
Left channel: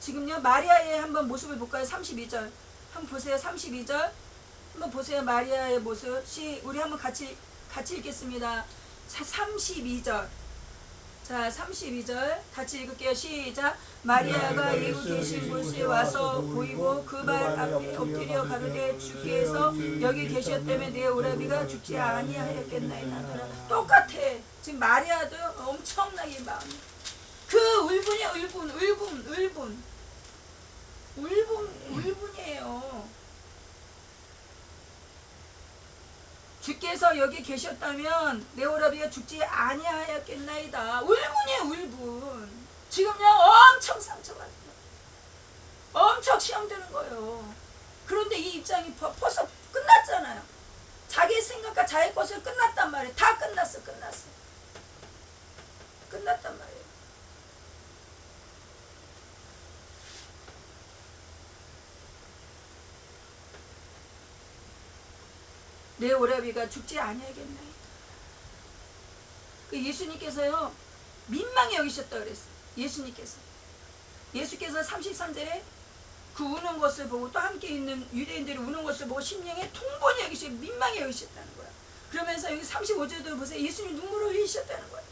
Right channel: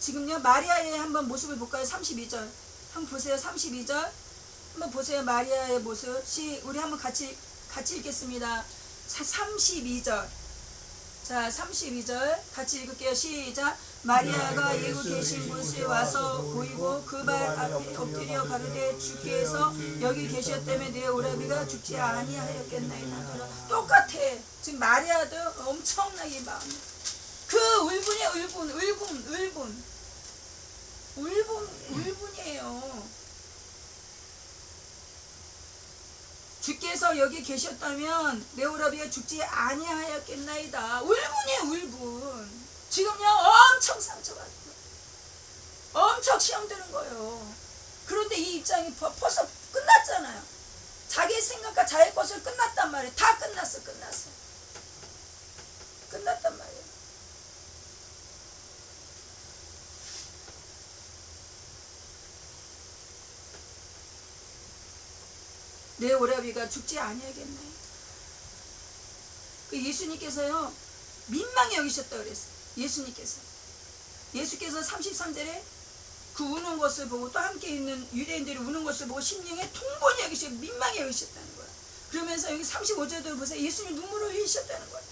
지금요 마리아의 한번 모습을 볼까요? 32절 한번 보세요. 32절 한번 보세요. 마리아의 모습. 우리 한번 같이 읽겠습니다. 32절. 자 32절 같이 읽을게요. 시작. 마리아가 예수 계신 곳에 와서 보이고 그 발 앞에 엎드려 가로되 주께서 여기 계셨다면 내 오라비가 죽지 아니하였겠나이다. 똑같아. 지금 마리아도 엄청나게 마음. 그 울분이에요. 울분이에요. 주께서 여기 계셨다면 내 오라비가 죽지 아니하였겠나이다. 울분이에요. 울분. 지금요 엄청 상처받는 거예요. 엄청 시험되는 거예요. 그런데 이 입장이 벌써 끝났잖아요. 자기 생각과 자기 것을 끝났단 말이에요. 다 끝났어. 끝났단 말이에요. 내 오라비가 죽지 아니하겠나이다. 그 예수님께서요 민망히 여기셨다 그랬어요. 예수께서 33절에 그 우는 것을 보고 또 함께 있는 유대인들이 우는 것을 보고 심령에 통본히 여기시고 민망히 여기셨다는 거예요. 그러면서 여기 35절도 보세요. 예수님이 눈물을 흘리셨다는 거예요.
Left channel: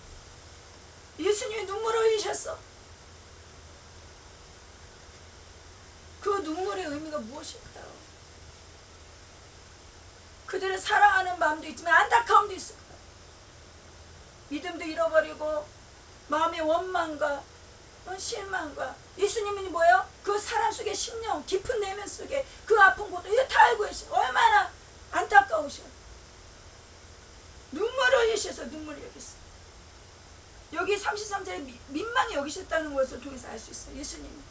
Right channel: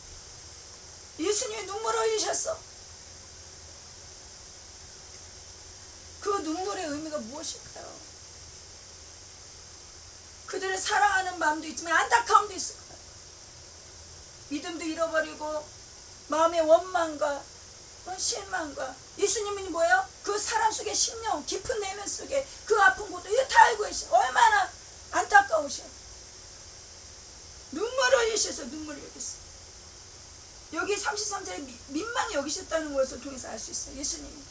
예수님이 눈물을 흘리셨어. 그 눈물의 의미가 무엇일까요? 그들을 사랑하는 마음도 있지만 안타까움도 있을 거예요. 믿음도 잃어버리고 마음의 원망과 실망과 예수님은 뭐예요? 그 사람 속에 심령 깊은 내면 속에 그 아픈 것도 이거 다 알고 계셔. 얼마나 안타까우셔. 눈물을 흘리셔서 눈물을 여겼어. 여기 33절에 민망히 여기셨다는 것을 통해서 알 수 있어요. 예수님이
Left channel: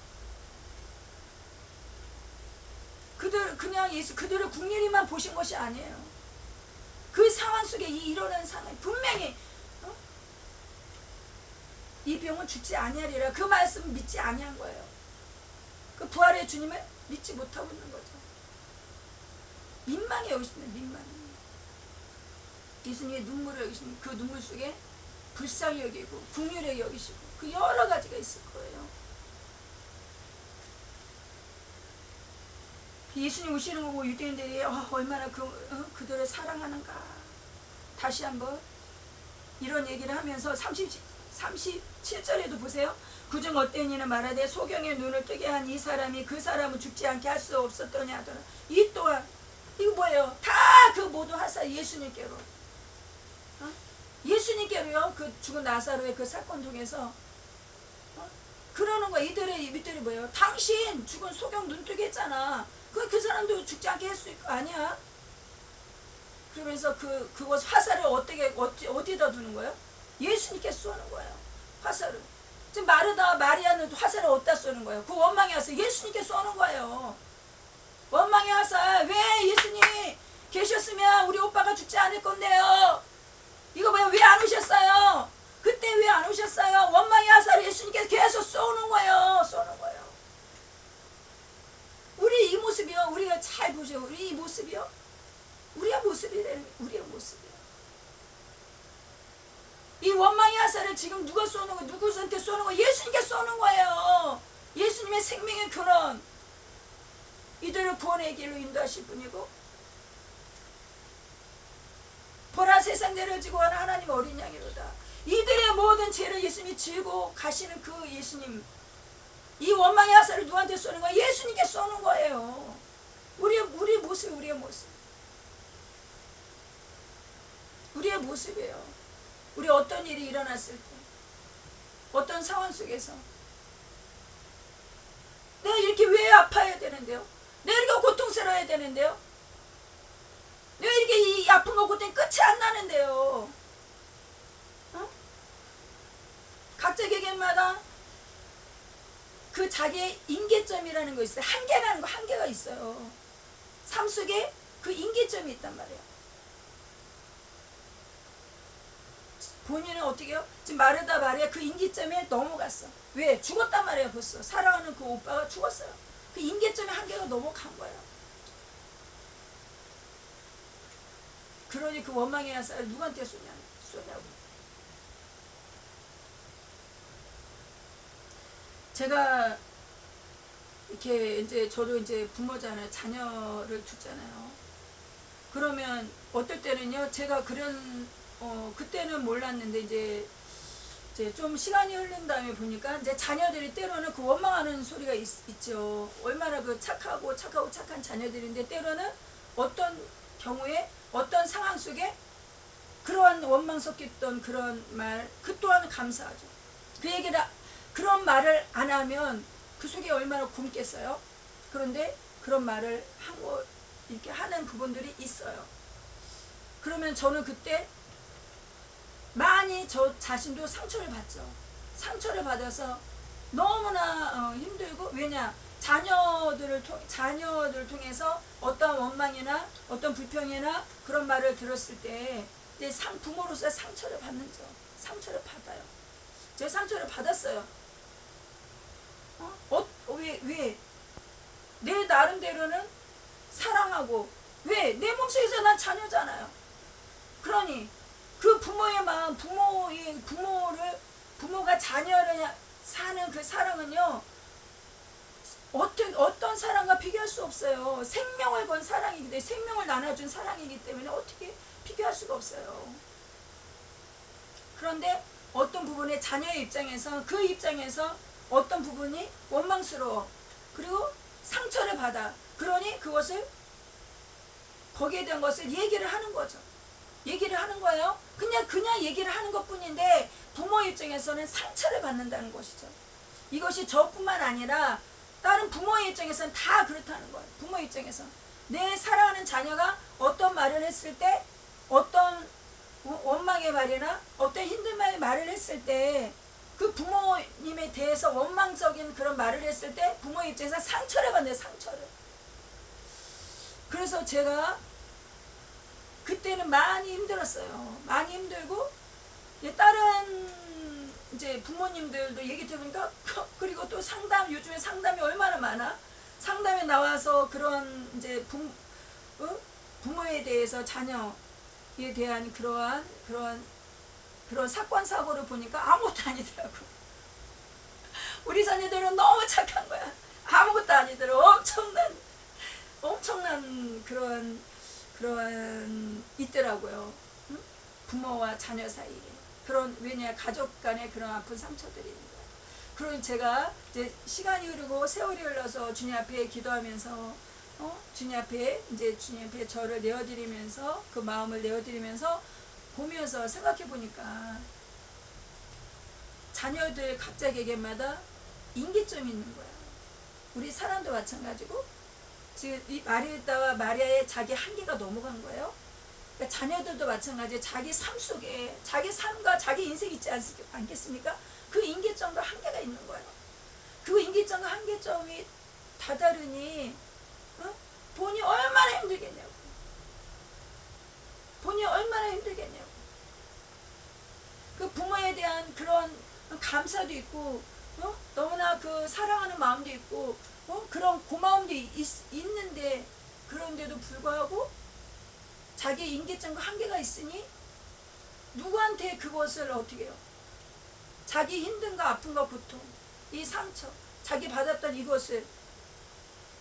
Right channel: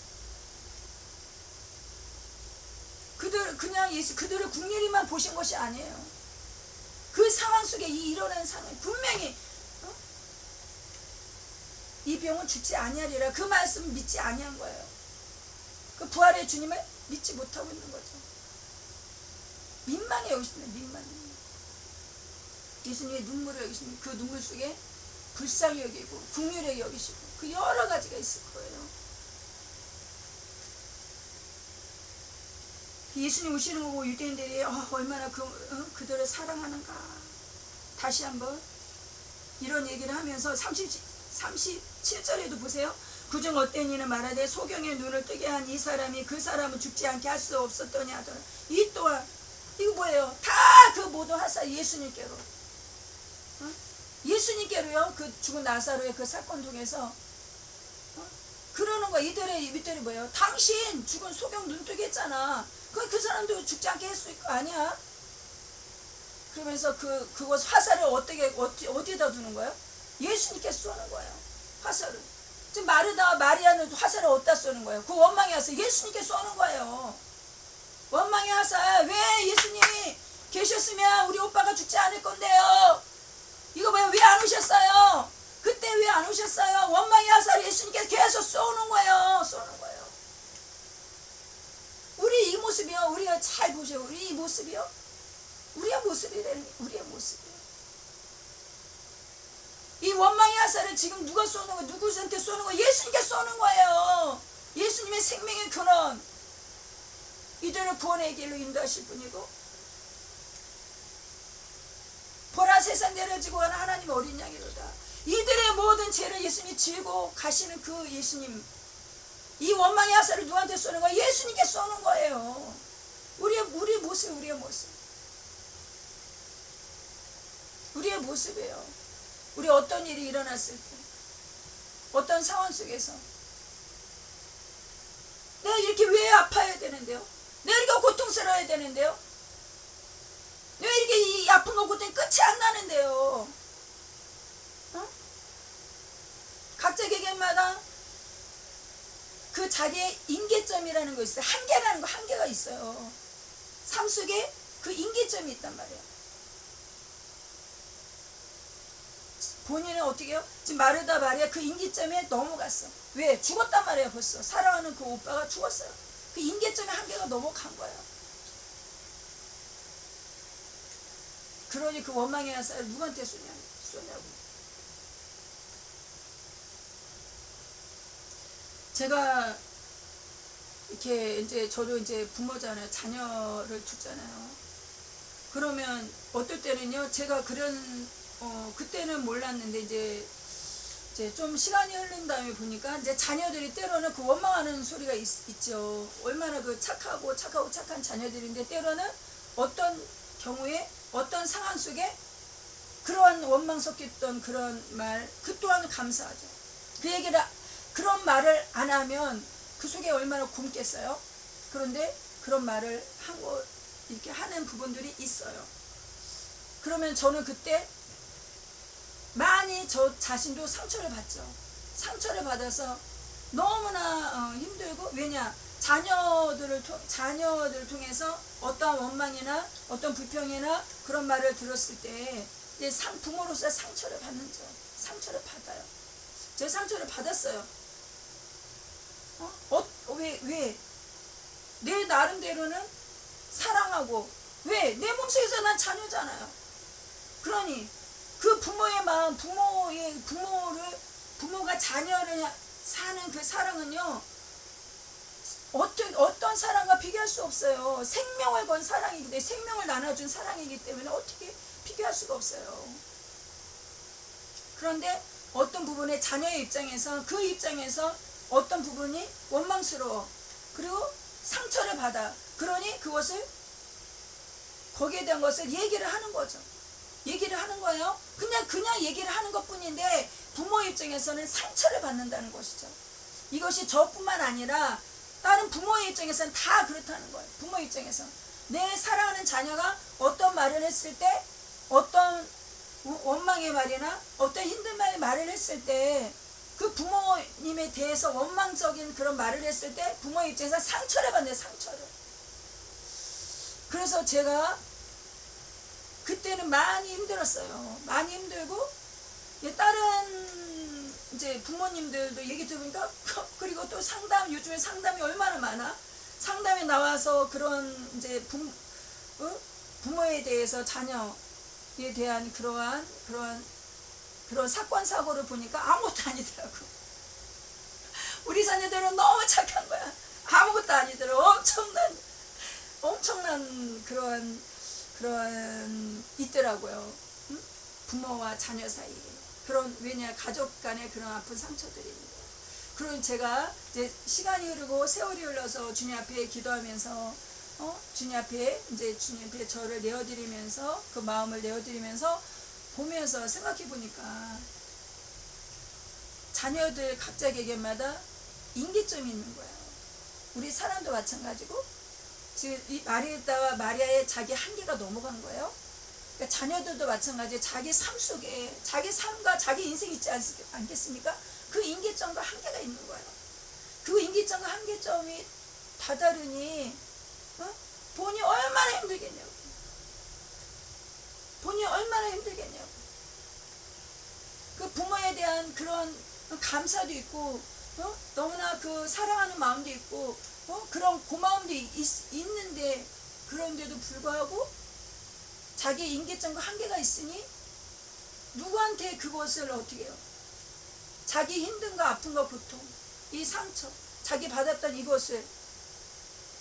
그들을 국률이만 보신 것이 아니에요. 그 상황 속에 일어나는 상황이 분명히 이 병은 죽지 아니하리라. 그 말씀을 믿지 아니한 거예요. 그 부활의 주님을 믿지 못하고 있는 거죠. 민망히 여기시네. 민망히. 예수님의 눈물을 여기시니 그 눈물 속에 불쌍히 여기고 긍휼히 여기시고 그 여러 가지가 있을 거예요. 예수님 오시는 거고 유대인들이 얼마나 그들을 사랑하는가. 다시 한번 이런 얘기를 하면서 37절에도 보세요. 그중 어떤 이는 말하되 소경의 눈을 뜨게 한 이 사람이 그 사람은 죽지 않게 할 수 없었더니 하더라. 이 또한 이거 뭐예요? 다 그 모든 하사 예수님께로 예수님께로요. 그 죽은 나사로의 그 사건 통해서 그러는 거야. 이들이 뭐예요? 당신 죽은 소경 눈뜨게 했잖아. 그 사람도 죽지 않게 했을 거 아니야? 그러면서 그곳 화살을 어디다 두는 거예요? 예수님께 쏘는 거예요. 화살을. 지금 마리아는 화살을 어디다 쏘는 거예요? 그 원망의 화살 예수님께 쏘는 거예요. 원망의 화살. 왜 예수님 계셨으면 우리 오빠가 죽지 않을 건데요. 이거 뭐야? 왜 안 오셨어요? 그때 왜 안 오셨어요? 원망의 화살을 예수님께서 계속 쏘는 거예요. 쏘는 거예요. 우리 이 모습이요. 우리가 잘 보세요. 우리 이 모습이요. 우리의 모습이에요. 이 원망의 화살을 지금 누가 쏘는 거예요? 누구한테 쏘는 거예요? 예수님께 쏘는 거예요. 예수님의 생명의 근원. 이들을 구원의 길로 인도하실 분이고, 보라 세상 내려지고 가는 하나님 어린 양이로다. 이들의 모든 죄를 예수님이 지고 가시는 그 예수님. 이 원망의 화살을 누구한테 쏘는 거예요? 예수님께 쏘는 거예요. 우리의 모습이에요. 우리 어떤 일이 일어났을 때, 어떤 상황 속에서 내가 이렇게 왜 아파야 되는데요? 내가 이렇게 고통스러워야 되는데요? 내가 이렇게 이 아픈 거 고통이 끝이 안 나는데요? 각자 개개인마다 그 자기의 임계점이라는 거 있어요. 한계가 있어요. 삶 속에 그 임계점이 있단 말이에요. 본인은 어떻게 해요? 지금 마르다 마리아 그 임계점에 넘어갔어. 왜? 죽었단 말이에요. 벌써 사랑하는 그 오빠가 죽었어요. 그 임계점의 한계가 넘어간 거예요. 그러니 그 원망의 화살을 누구한테 쏘냐고. 제가 이렇게 이제 저도 이제 부모잖아요. 자녀를 두잖아요. 그러면 어떨 때는요. 제가 그때는 몰랐는데 이제 좀 시간이 흐른 다음에 보니까 이제 자녀들이 때로는 그 원망하는 소리가 있죠. 얼마나 그 착한 자녀들인데 때로는 어떤 경우에 어떤 상황 속에 그러한 원망 섞였던 그런 말, 그 또한 감사하죠. 그런 말을 안 하면 그 속에 얼마나 굶겠어요. 그런데 그런 말을 이렇게 하는 부분들이 있어요. 그러면 저는 그때 많이 저 자신도 상처를 받죠. 상처를 받아서 너무나 힘들고, 왜냐? 자녀들 통해서 어떤 원망이나 어떤 불평이나 그런 말을 들었을 때 부모로서 상처를 받는죠. 상처를 받아요. 제가 상처를 받았어요. 왜? 내 나름대로는 사랑하고, 왜? 내 몸속에서 난 자녀잖아요. 그러니 그 부모의 마음, 부모가 자녀를 사는 그 사랑은요, 어떤 사랑과 비교할 수 없어요. 생명을 건 사랑이기 때문에, 생명을 나눠준 사랑이기 때문에 어떻게 비교할 수가 없어요. 그런데 어떤 부분에 자녀의 입장에서, 그 입장에서 어떤 부분이 원망스러워, 그리고 상처를 받아. 그러니 거기에 대한 것을 얘기를 하는 거죠. 얘기를 하는 거예요. 그냥 얘기를 하는 것 뿐인데 부모 입장에서는 상처를 받는다는 것이죠. 이것이 저뿐만 아니라 다른 부모의 입장에서는 다 그렇다는 거예요. 부모 입장에서 내 사랑하는 자녀가 어떤 말을 했을 때, 어떤 원망의 말이나 어떤 힘든 말을 했을 때, 그 부모님에 대해서 원망적인 그런 말을 했을 때 부모의 입장에서 상처를 받는, 상처를. 그래서 제가 그때는 많이 힘들었어요. 많이 힘들고, 다른 이제 부모님들도 얘기 들으니까, 그리고 또 요즘에 상담이 얼마나 많아. 상담에 나와서 그런 이제 부모에 대해서 자녀에 대한 그런 사건 사고를 보니까 아무것도 아니더라고. 우리 자녀들은 너무 착한 거야. 아무것도 아니더라고. 엄청난 그런 있더라고요. 응? 부모와 자녀 사이에 왜냐, 가족 간에 그런 아픈 상처들이 있는 거예요. 그러니 제가 이제 시간이 흐르고 세월이 흘러서 주님 앞에 기도하면서 주님 앞에 저를 내어드리면서, 그 마음을 내어드리면서 보면서 생각해 보니까 자녀들 각자 개개마다 임계점이 있는 거예요. 우리 사람도 마찬가지고, 지금 이 마리아의 자기 한계가 넘어간 거예요. 그러니까 자녀들도 마찬가지에 자기 삶 속에 자기 삶과 자기 인생이 있지 않겠습니까? 그 임계점과 한계가 있는 거예요. 그 임계점과 한계점이 다다르니 본이 얼마나 힘들겠냐고. 본이 얼마나 힘들겠냐고. 그 부모에 대한 그런 감사도 있고 너무나 그 사랑하는 마음도 있고 그런 고마움도 있는데 그런데도 불구하고 자기 임계점과 한계가 있으니 누구한테 그것을 어떻게 해요? 자기 힘든가 아픈가 고통 이 상처 자기 받았던 이것을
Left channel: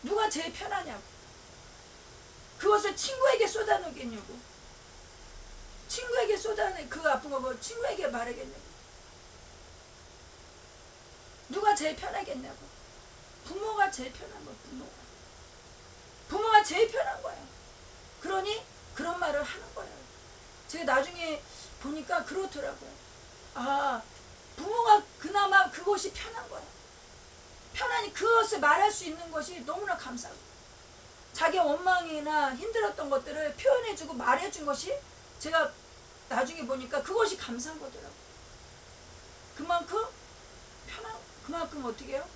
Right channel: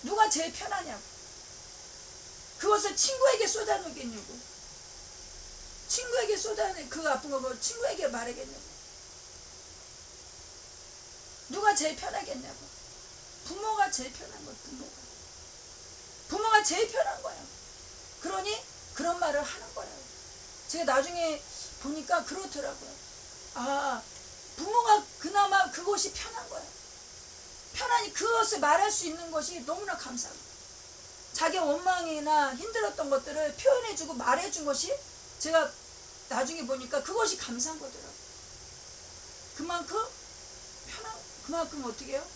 누가 제일 편하냐고. 그것을 친구에게 쏟아놓겠냐고. 친구에게 쏟아내 그 아픈 거 친구에게 말하겠냐고. 누가 제일 편하겠냐고. 부모가 제일 편한 거예요. 부모가 제일 편한 거예요. 그러니 그런 말을 하는 거예요. 제가 나중에 보니까 그렇더라고요. 아, 부모가 그나마 그것이 편한 거예요. 편하니 그것을 말할 수 있는 것이 너무나 감사하고 자기 원망이나 힘들었던 것들을 표현해주고 말해준 것이 제가 나중에 보니까 그것이 감사한 거더라고요. 그만큼 어떻게 해요?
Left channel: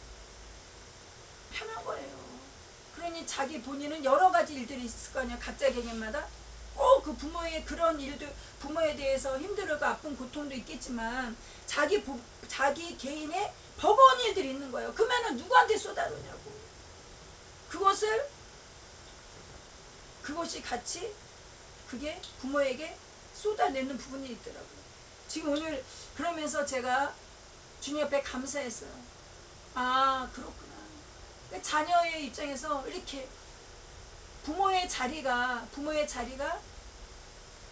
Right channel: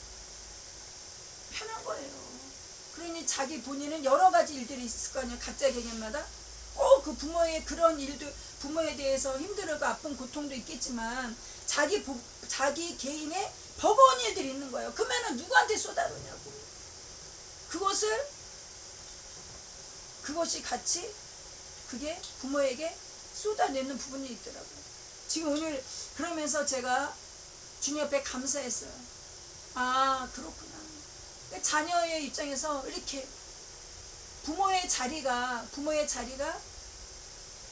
편한 거예요. 그러니 자기 본인은 여러 가지 일들이 있을 거 아니야. 각자 개개인마다 꼭 그 부모의 그런 일들, 부모에 대해서 힘들고 아픈 고통도 있겠지만 자기 개인의 버거운 일들이 있는 거예요. 그러면은 누구한테 쏟아놓냐고. 그것이 같이 그게 부모에게 쏟아내는 부분이 있더라고요. 지금 오늘 그러면서 제가 주님 앞에 감사했어요. 아, 그렇구나. 자녀의 입장에서 이렇게 부모의 자리가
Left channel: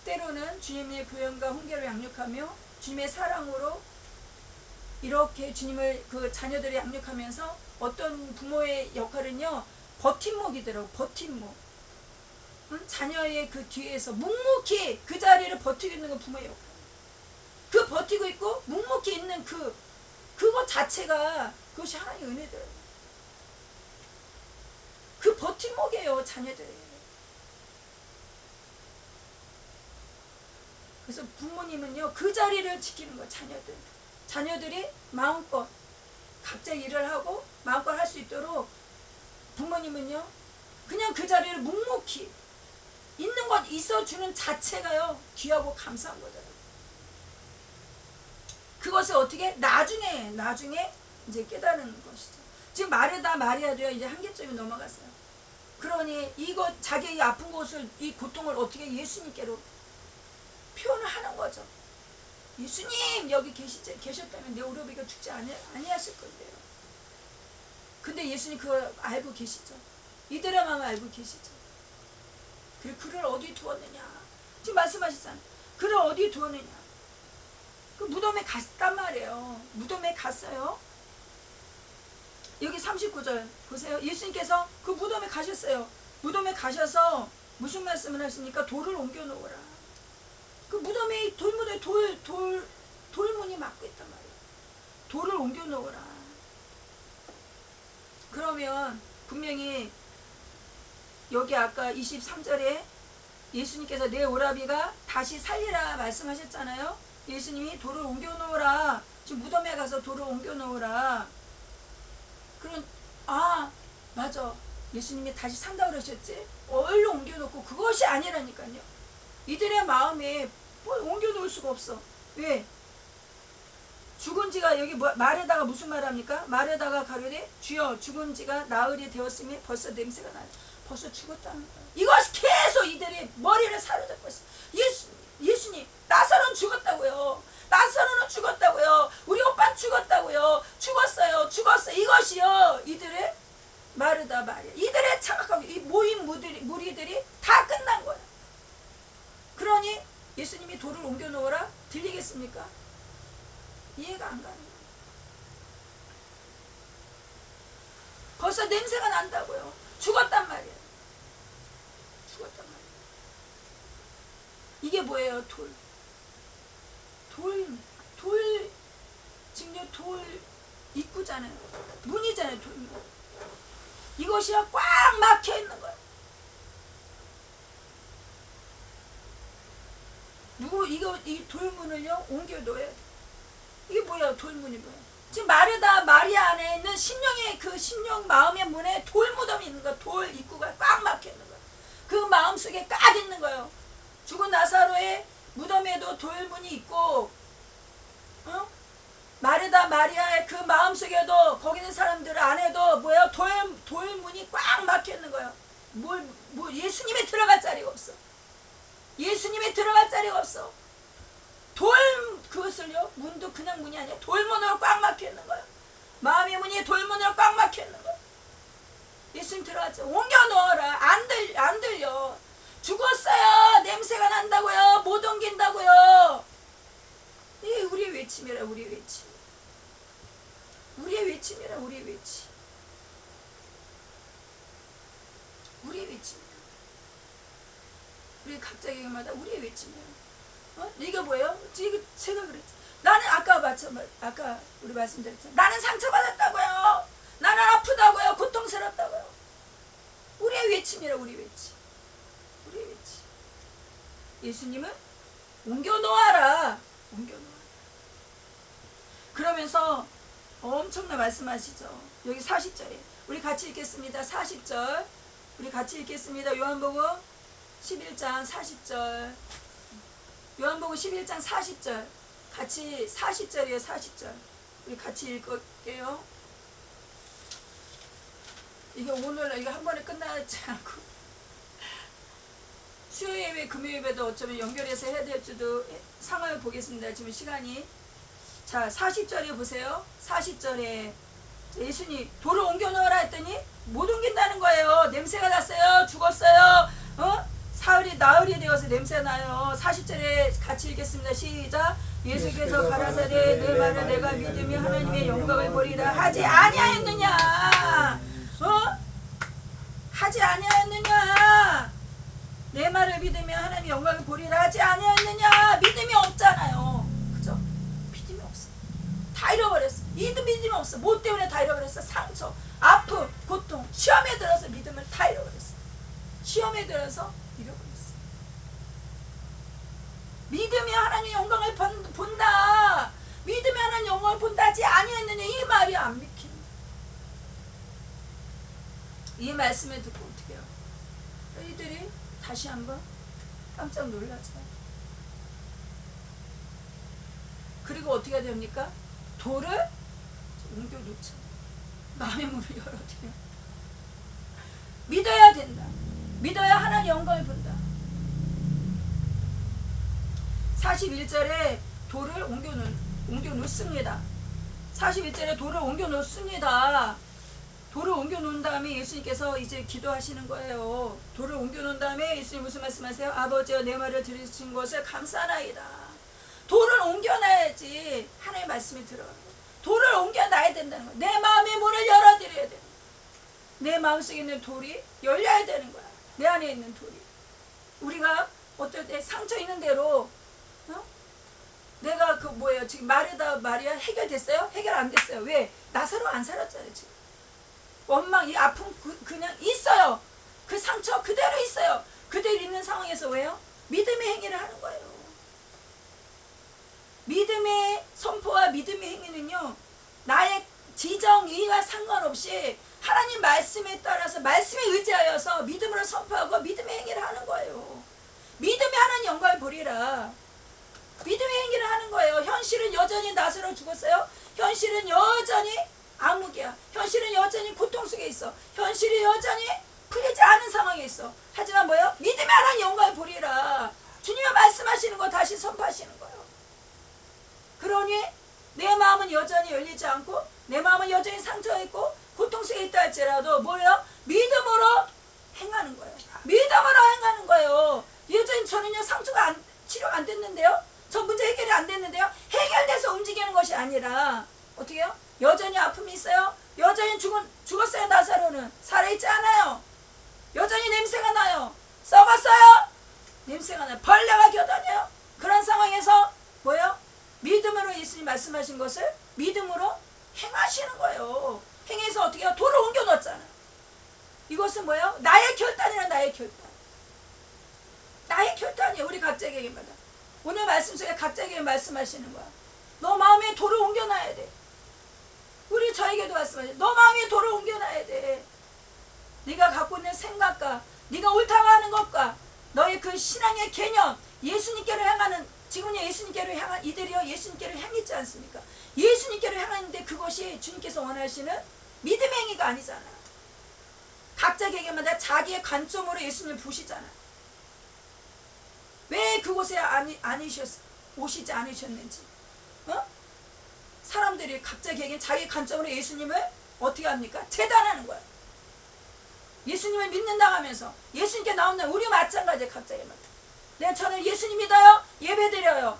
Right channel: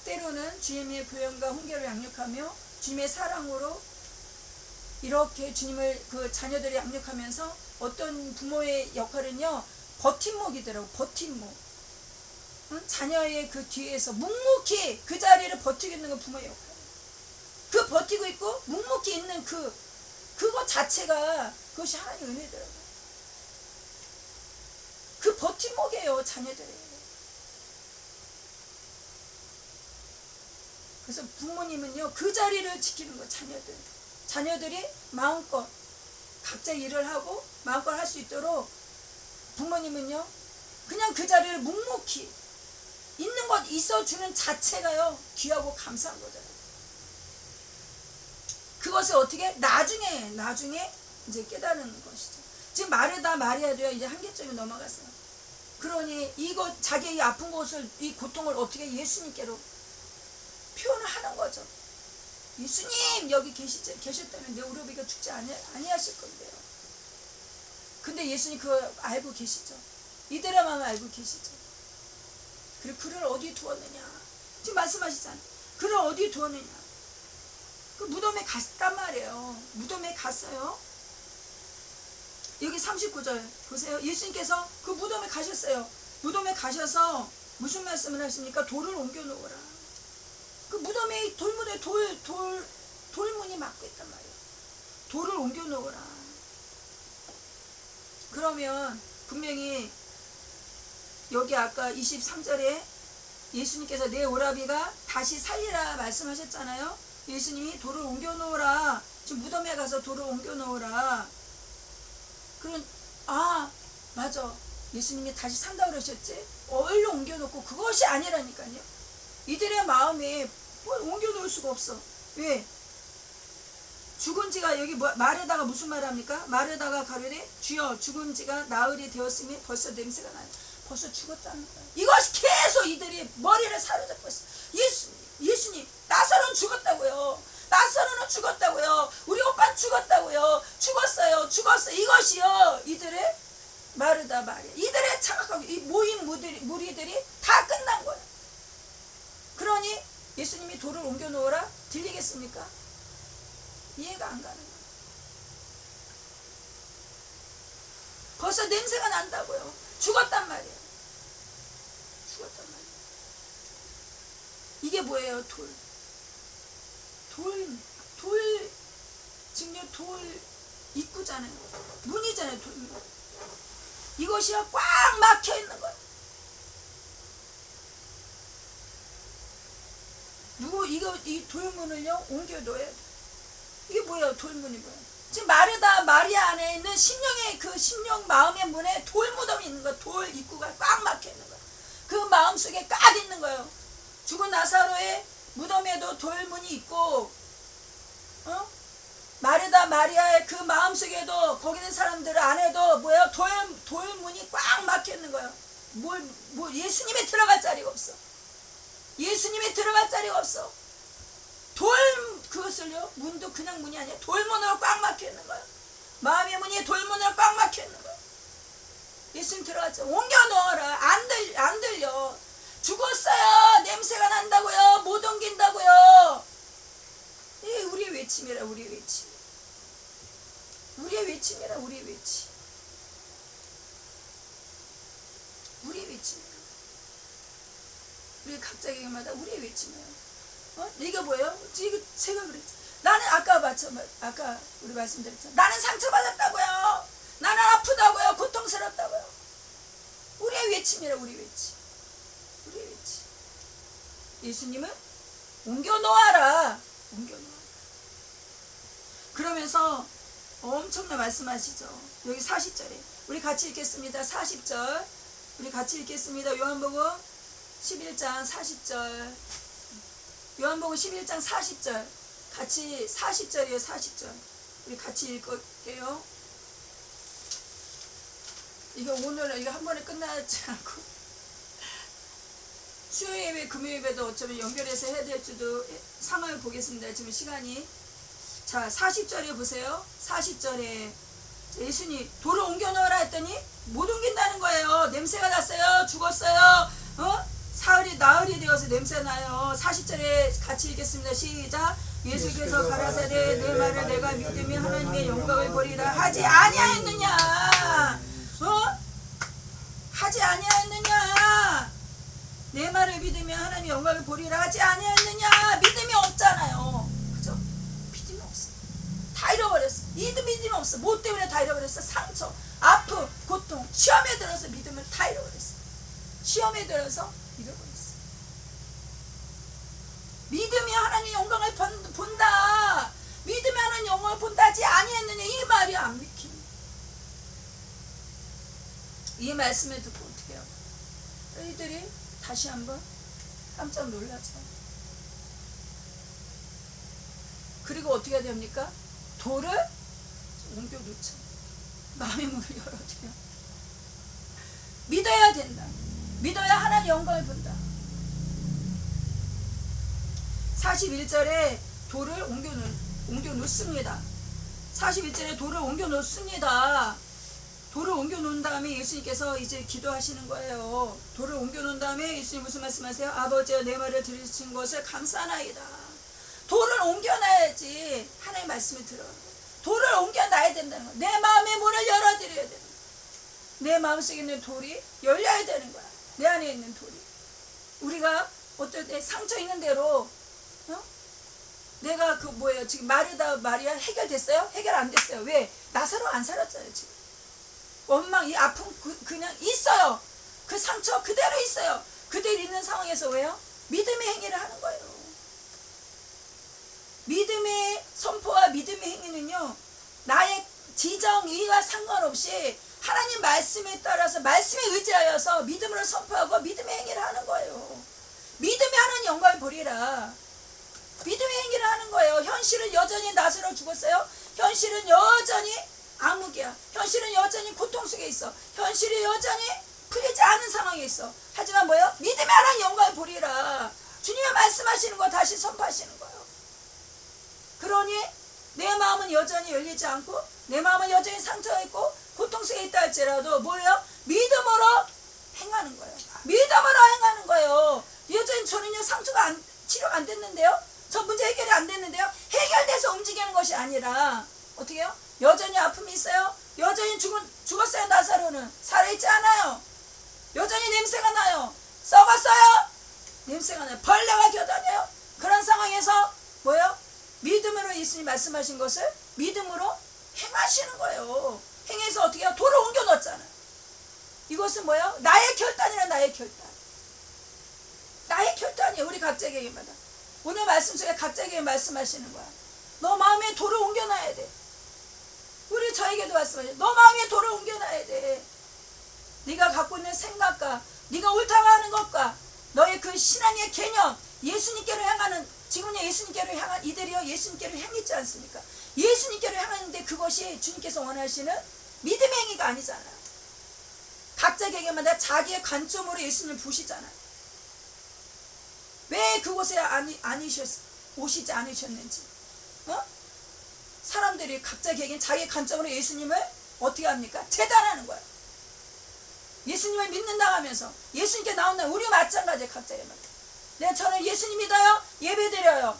때로는 주님의 교연과 훈계를 양육하며 주님의 사랑으로 이렇게 주님을 그 자녀들이 양육하면서 어떤 부모의 역할은요 버팀목이더라고. 버팀목. 자녀의 그 뒤에서 묵묵히 그 자리를 버티고 있는 건 부모의 역할. 그 버티고 있고 묵묵히 있는 그것 자체가 그것이 하나님의 은혜더라고. 그 버팀목이에요 자녀들이. 그래서 부모님은요 그 자리를 지키는 거예요. 자녀들이 마음껏 각자 일을 하고 마음껏 할 수 있도록 부모님은요 그냥 그 자리를 묵묵히 있는 것 있어주는 자체가요 귀하고 감사한 거잖아요. 그것을 어떻게 나중에 이제 깨달은 것이죠. 지금 마리아도요 이제 한계점이 넘어갔어요. 그러니 이거 자기의 아픈 것을 이 고통을 어떻게 예수님께로 표현을 하는 거죠. 예수님 여기 계셨다면 내 오려비가 죽지 아니하실 건데요. 근데 예수님 그거 알고 계시죠. 이들의 마음을 알고 계시죠. 그리고 그를 어디에 두었느냐. 지금 말씀하시잖아요. 그를 어디에 두었느냐. 그 무덤에 갔단 말이에요. 무덤에 갔어요. 여기 39절 보세요. 예수님께서 그 무덤에 가셨어요. 무덤에 가셔서 무슨 말씀을 하십니까? 돌을 옮겨 놓으라. 그 무덤에 돌문이 막고 있단 말이에요. 돌을 옮겨 놓으라. 그러면 분명히 여기 아까 23절에 예수님께서 내 오라비가 다시 살리라 말씀하셨잖아요. 예수님이 돌을 옮겨 놓으라. 지금 무덤에 가서 돌을 옮겨 놓으라. 그럼 맞아. 예수님이 다시 산다고 그러셨지. 얼른 옮겨 놓고 그것이 아니라니까요. 이들의 마음에 뭘 옮겨 놓을 수가 없어. 왜? 죽은 지가 여기 말에다가 무슨 말 합니까? 말에다가 가로되 주여 죽은 지가 나흘이 되었으니 벌써 냄새가 나요. 벌써 죽었다는 거예요. 이것이 계속 이들이 머리를 사로잡고 있어. 예수님 나사로는 죽었다고요. 나사로는 죽었다고요. 우리 오빠는 죽었다고요. 죽었어요. 이것이요 이들의 마르다 마리아. 이들의 착각하고 이 모인 무리들이 다 끝난 거예요. 그러니 예수님이 돌을 옮겨 놓으라 들리겠습니까? 이해가 안 가는 거예요. 벌써 냄새가 난다고요. 죽었단 말이에요. 이게 뭐예요? 지금 돌 입구잖아요. 문이잖아요. 돌문. 이것이요 꽉 막혀 있는 거예요. 이 돌문을요 옮겨 놓아야 돼. 이게 뭐야? 돌문이 뭐야? 지금 마르다 마리아 안에 있는 심령의 그 심령 마음의 문에 돌 무덤이 있는 거야. 돌 입구가 꽉 막혀 있는 거야. 그 마음 속에 꽉 있는 거예요. 죽은 나사로의 무덤에도 돌문이 있고, 마르다 마리아의 그 마음 속에도 거기 있는 사람들 안에도 뭐야? 돌문이 꽉 막혀 있는 거예요. 예수님이 들어갈 자리가 없어. 예수님이 들어갈 자리가 없어. 그것을요, 문도 그냥 문이 아니야. 돌문으로 꽉 막혀 있는 거야. 마음의 문이 돌문으로 꽉 막혀 있는 거야. 예수님 들어갔죠. 옮겨 놓아라. 안 들려. 죽었어요. 냄새가 난다고요. 못 옮긴다고요. 이게 우리의 외침이라, 우리의 외침. 우리의 외침이라, 우리의 외침. 우리의 외침이야. 우리 각자 개개마다 우리의 외침이에요. 이게 뭐예요? 이거 제가 그랬지. 나는 아까 우리 말씀드렸잖아. 나는 상처받았다고요. 나는 아프다고요. 고통스럽다고요. 우리의 외침이라, 우리 외침. 우리의 외침. 예수님은 옮겨 놓아라. 옮겨 놓아라. 그러면서 엄청난 말씀하시죠. 여기 40절에 우리 같이 읽겠습니다. 40절 우리 같이 읽겠습니다. 요한복음 11장 40절. 요한복음 11장 40절. 같이 40절이에요. 40절. 우리 같이 읽을게요. 이거 오늘 이거 한 번에 끝나지 않고 수요일 예배, 금요일 예배도 어쩌면 연결해서 해야 될지도 상황을 보겠습니다. 지금 시간이. 자, 40절에 보세요. 40절에 예수님 돌을 옮겨 놓으라 했더니 못 옮긴다는 거예요. 냄새가 났어요. 죽었어요. 나흘이 되어서 냄새 나요. 40절에 같이 읽겠습니다. 시작. 예수께서 가라사대 내 말을 내가 믿으며 하나님의 영광을 보리라 하지 아니하였느냐? 하지 아니하였느냐? 내 말을 믿으며 하나님의 영광을 보리라 하지 아니하였느냐? 믿음이 없잖아요. 그죠? 믿음이 없어. 다 잃어버렸어. 믿음이 없어. 뭐 때문에 다 잃어버렸어? 상처, 아픔, 고통, 시험에 들어서 믿음을 다 잃어버렸어. 시험에 들어서 잃어버렸어. 믿으며 하나님의 영광을 본다. 믿으며 하나님의 영광을 본다 하지 아니했느냐? 이 말이 안 믿기네. 이 말씀을 듣고 어떻게 해요? 너희들이 다시 한번 깜짝 놀라죠. 그리고 어떻게 해야 됩니까? 돌을 옮겨놓죠. 마음의 문을 열어드려. 믿어야 된다. 믿어야 하나님의 영광을 본다. 41절에 돌을 옮겨 놓습니다. 41절에 돌을 옮겨 놓습니다. 돌을 옮겨 놓은 다음에 예수님께서 이제 기도하시는 거예요. 돌을 옮겨 놓은 다음에 예수님 무슨 말씀하세요? 아버지여 내 말을 들으신 것을 감사하나이다. 돌을 옮겨놔야지 하나님의 말씀이 들어가는 거예요. 돌을 옮겨놔야 된다는 거예요. 내 마음의 문을 열어드려야 되는 거예요. 내 마음속에 있는 돌이 열려야 되는 거야. 내 안에 있는 돌이. 우리가 어떨 때 상처 있는 대로 내가 지금 마르다 마리아 해결됐어요? 해결 안 됐어요. 왜? 나사로 안 살았잖아요. 지금 원망, 이 아픔 그냥 있어요. 그 상처 그대로 있어요. 그대로 있는 상황에서 왜요? 믿음의 행위를 하는 거예요. 믿음의 선포와 믿음의 행위는요, 나의 지정의와 상관없이 하나님 말씀에 따라서 말씀에 의지하여서 믿음으로 선포하고 믿음의 행위를 하는 거예요. 믿음이 하나님 영광을 보리라. 믿음의 행위를 하는 거예요. 현실은 여전히 나사로 죽었어요. 현실은 여전히 암흑이야. 현실은 여전히 고통 속에 있어. 현실이 여전히 풀리지 않은 상황에 있어. 하지만 뭐예요? 믿음의 하나님 영광을 보리라. 주님의 말씀하시는 거 다시 선포하시는 거예요. 그러니 내 마음은 여전히 열리지 않고 내 마음은 여전히 상처가 있고 고통 속에 있다 할지라도 뭐예요? 믿음으로 행하는 거예요. 믿음으로 행하는 거예요. 여전히 저는요 상처가 치료가 안 됐는데요. 저 문제 해결이 안 됐는데요. 해결돼서 움직이는 것이 아니라 어떻게 해요? 여전히 아픔이 있어요. 여전히 죽었어요. 나사로는 살아있지 않아요. 여전히 냄새가 나요. 썩었어요. 냄새가 나요. 벌레가 겨다녀요. 그런 상황에서 뭐예요? 믿음으로 예수님 말씀하신 것을 믿음으로 행하시는 거예요. 행해서 어떻게 해요? 돌을 옮겨 놓았잖아요. 이것은 뭐예요? 나의 결단이라. 나의 결단. 나의 결단이에요. 우리 각자에게마다. 오늘 말씀 속에 각자에게 말씀하시는 거야. 너 마음에 돌을 옮겨놔야 돼. 우리 저에게도 말씀하세요. 너 마음에 돌을 옮겨놔야 돼. 네가 갖고 있는 생각과 네가 옳다고 하는 것과 너의 그 신앙의 개념, 예수님께로 향하는, 지금은 예수님께로 향한 이들이요 예수님께로 향했지 않습니까? 예수님께로 향하는데 그것이 주님께서 원하시는 믿음의 행위가 아니잖아요. 각자 개개마다 자기의 관점으로 예수님을 보시잖아요. 왜 그곳에 오시지 않으셨는지. 사람들이 각자 개개인 자기 관점으로 예수님을 어떻게 합니까? 재단하는 거예요. 예수님을 믿는다고 하면서 예수님께 나온다. 우리 마찬가지예요. 각자에마다. 내가 저는 예수님 믿어요. 예배드려요.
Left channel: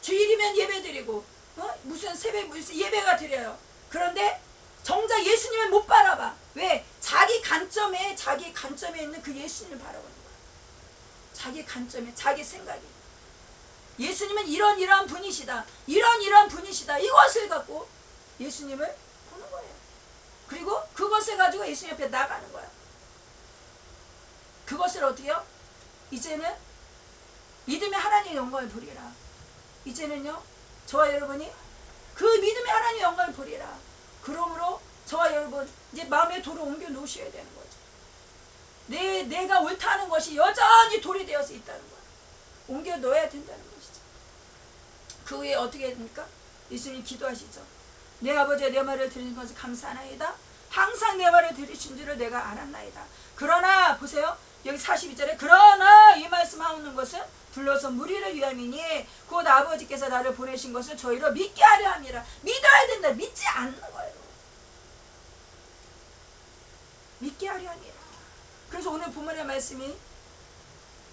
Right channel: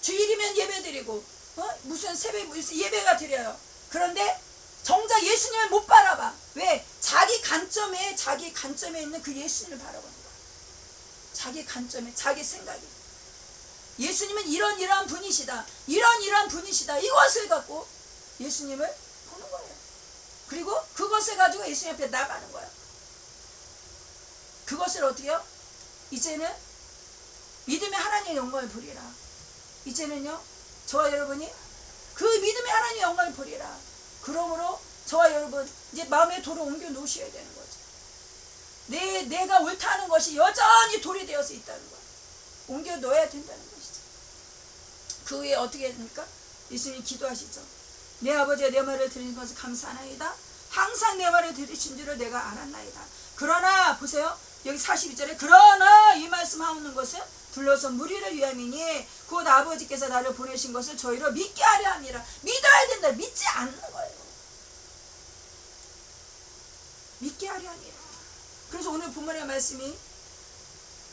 주일이면 예배드리고 무슨 새벽 예배가 드려요. 그런데 정작 예수님을 못 바라봐. 왜? 자기 관점에 있는 그 예수님을 바라보는 거야. 자기 관점에, 자기 생각에. 예수님은 이러한 분이시다. 이러한 분이시다. 이것을 갖고 예수님을 보는 거예요. 그리고 그것을 가지고 예수님 앞에 나가는 거예요. 그것을 어떻게 해요? 이제는 믿음의 하나님의 영광을 보리라. 이제는요, 저와 여러분이 그 믿음의 하나님의 영광을 보리라. 그러므로 저와 여러분 이제 마음의 돌을 옮겨 놓으셔야 되는 거죠. 내가 옳다는 것이 여전히 돌이 되어서 있다는 거야. 옮겨 놓아야 된다는 것이죠. 그 후에 어떻게 됩니까? 예수님 기도하시죠. 내 아버지가 내 말을 들으신 것을 감사하나이다. 항상 내 말을 들으신 줄을 내가 알았나이다. 그러나 보세요. 여기 42절에 그러나 이 말씀하는 것은 불러서 무리를 위함이니 곧 아버지께서 나를 보내신 것을 저희로 믿게 하려 함이라. 믿어야 된다. 믿지 않는 거예요. 믿게 하려 함이라. 그래서 오늘 본문의 말씀이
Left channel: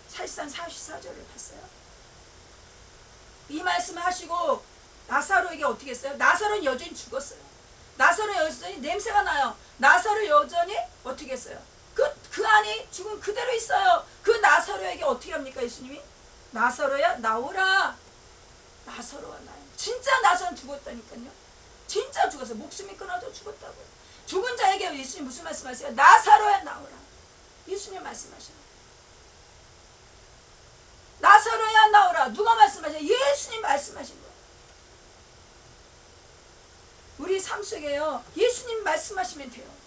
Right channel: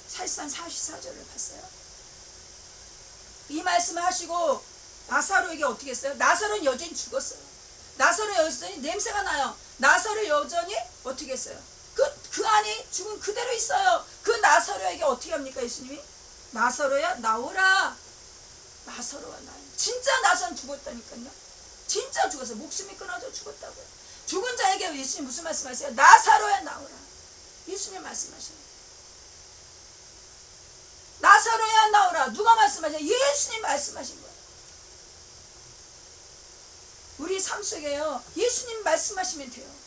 사실상 44절을 봤어요. 이 말씀을 하시고 나사로에게 어떻게 했어요? 나사로는 여전히 죽었어요. 나사로 여전히 냄새가 나요. 나사로 여전히 어떻게 했어요? 그 안에 죽은 그대로 있어요. 그 나사로에게 어떻게 합니까? 예수님이 나사로야 나오라. 나사로와 나요. 진짜 나사로는 죽었다니까요. 진짜 죽었어요. 목숨이 끊어져 죽었다고요. 죽은 자에게 예수님 무슨 말씀하세요? 나사로야 나오라. 예수님 말씀하시네요. 나사로야 나오라. 누가 말씀하세요? 예수님 말씀하신 거예요. 우리 삶 속에요. 예수님 말씀하시면 돼요.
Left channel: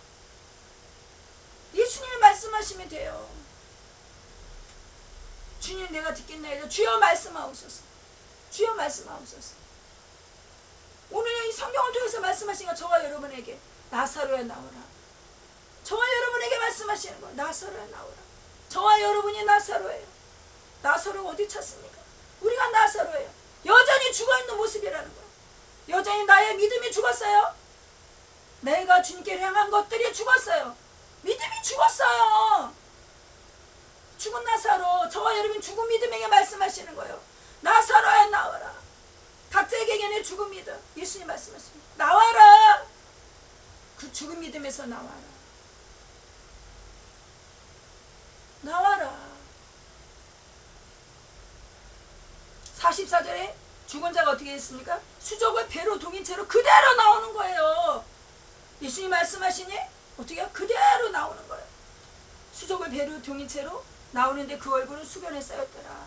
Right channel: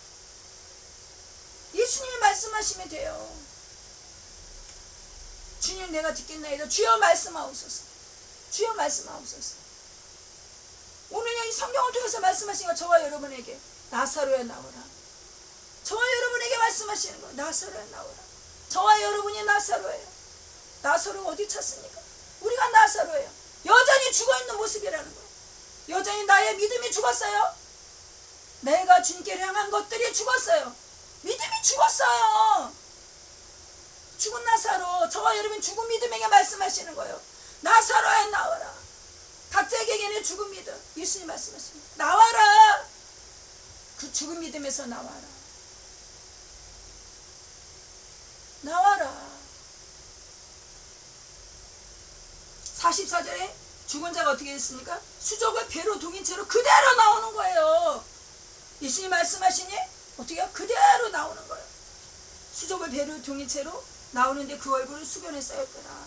예수님이 말씀하시면 돼요. 주님 내가 듣겠나이다. 주여 말씀하옵소서. 주여 말씀하옵소서. 오늘 이 성경을 통해서 말씀하신 거 저와 여러분에게 나사로야 나오라. 저와 여러분에게 말씀하시는 거예요. 나사로야 나오라. 저와 여러분이 나사로예요. 나사로가 어디 찾습니까? 우리가 나사로예요. 여전히 죽어있는 모습이라는 거예요. 여전히 나의 믿음이 죽었어요. 내가 주님께 향한 것들이 죽었어요. 믿음이 죽었어요. 죽은 나사로, 저와 여러분 죽은 믿음에게 말씀하시는 거예요. 나사로야 나와라. 각자에게 죽은 믿음, 예수님 말씀하십니다. 나와라. 그 죽은 믿음에서 나와라. 나와라. 44절에 죽은 자가 어떻게 했습니까? 수족을 배로 동인 채로 그대로 나오는 거예요. 예수님 말씀하시니 어떻게 해요? 그대로 나오는 거예요. 수족을 배로 동인 채로 나오는데 그 얼굴은 수변에 쌓였더라.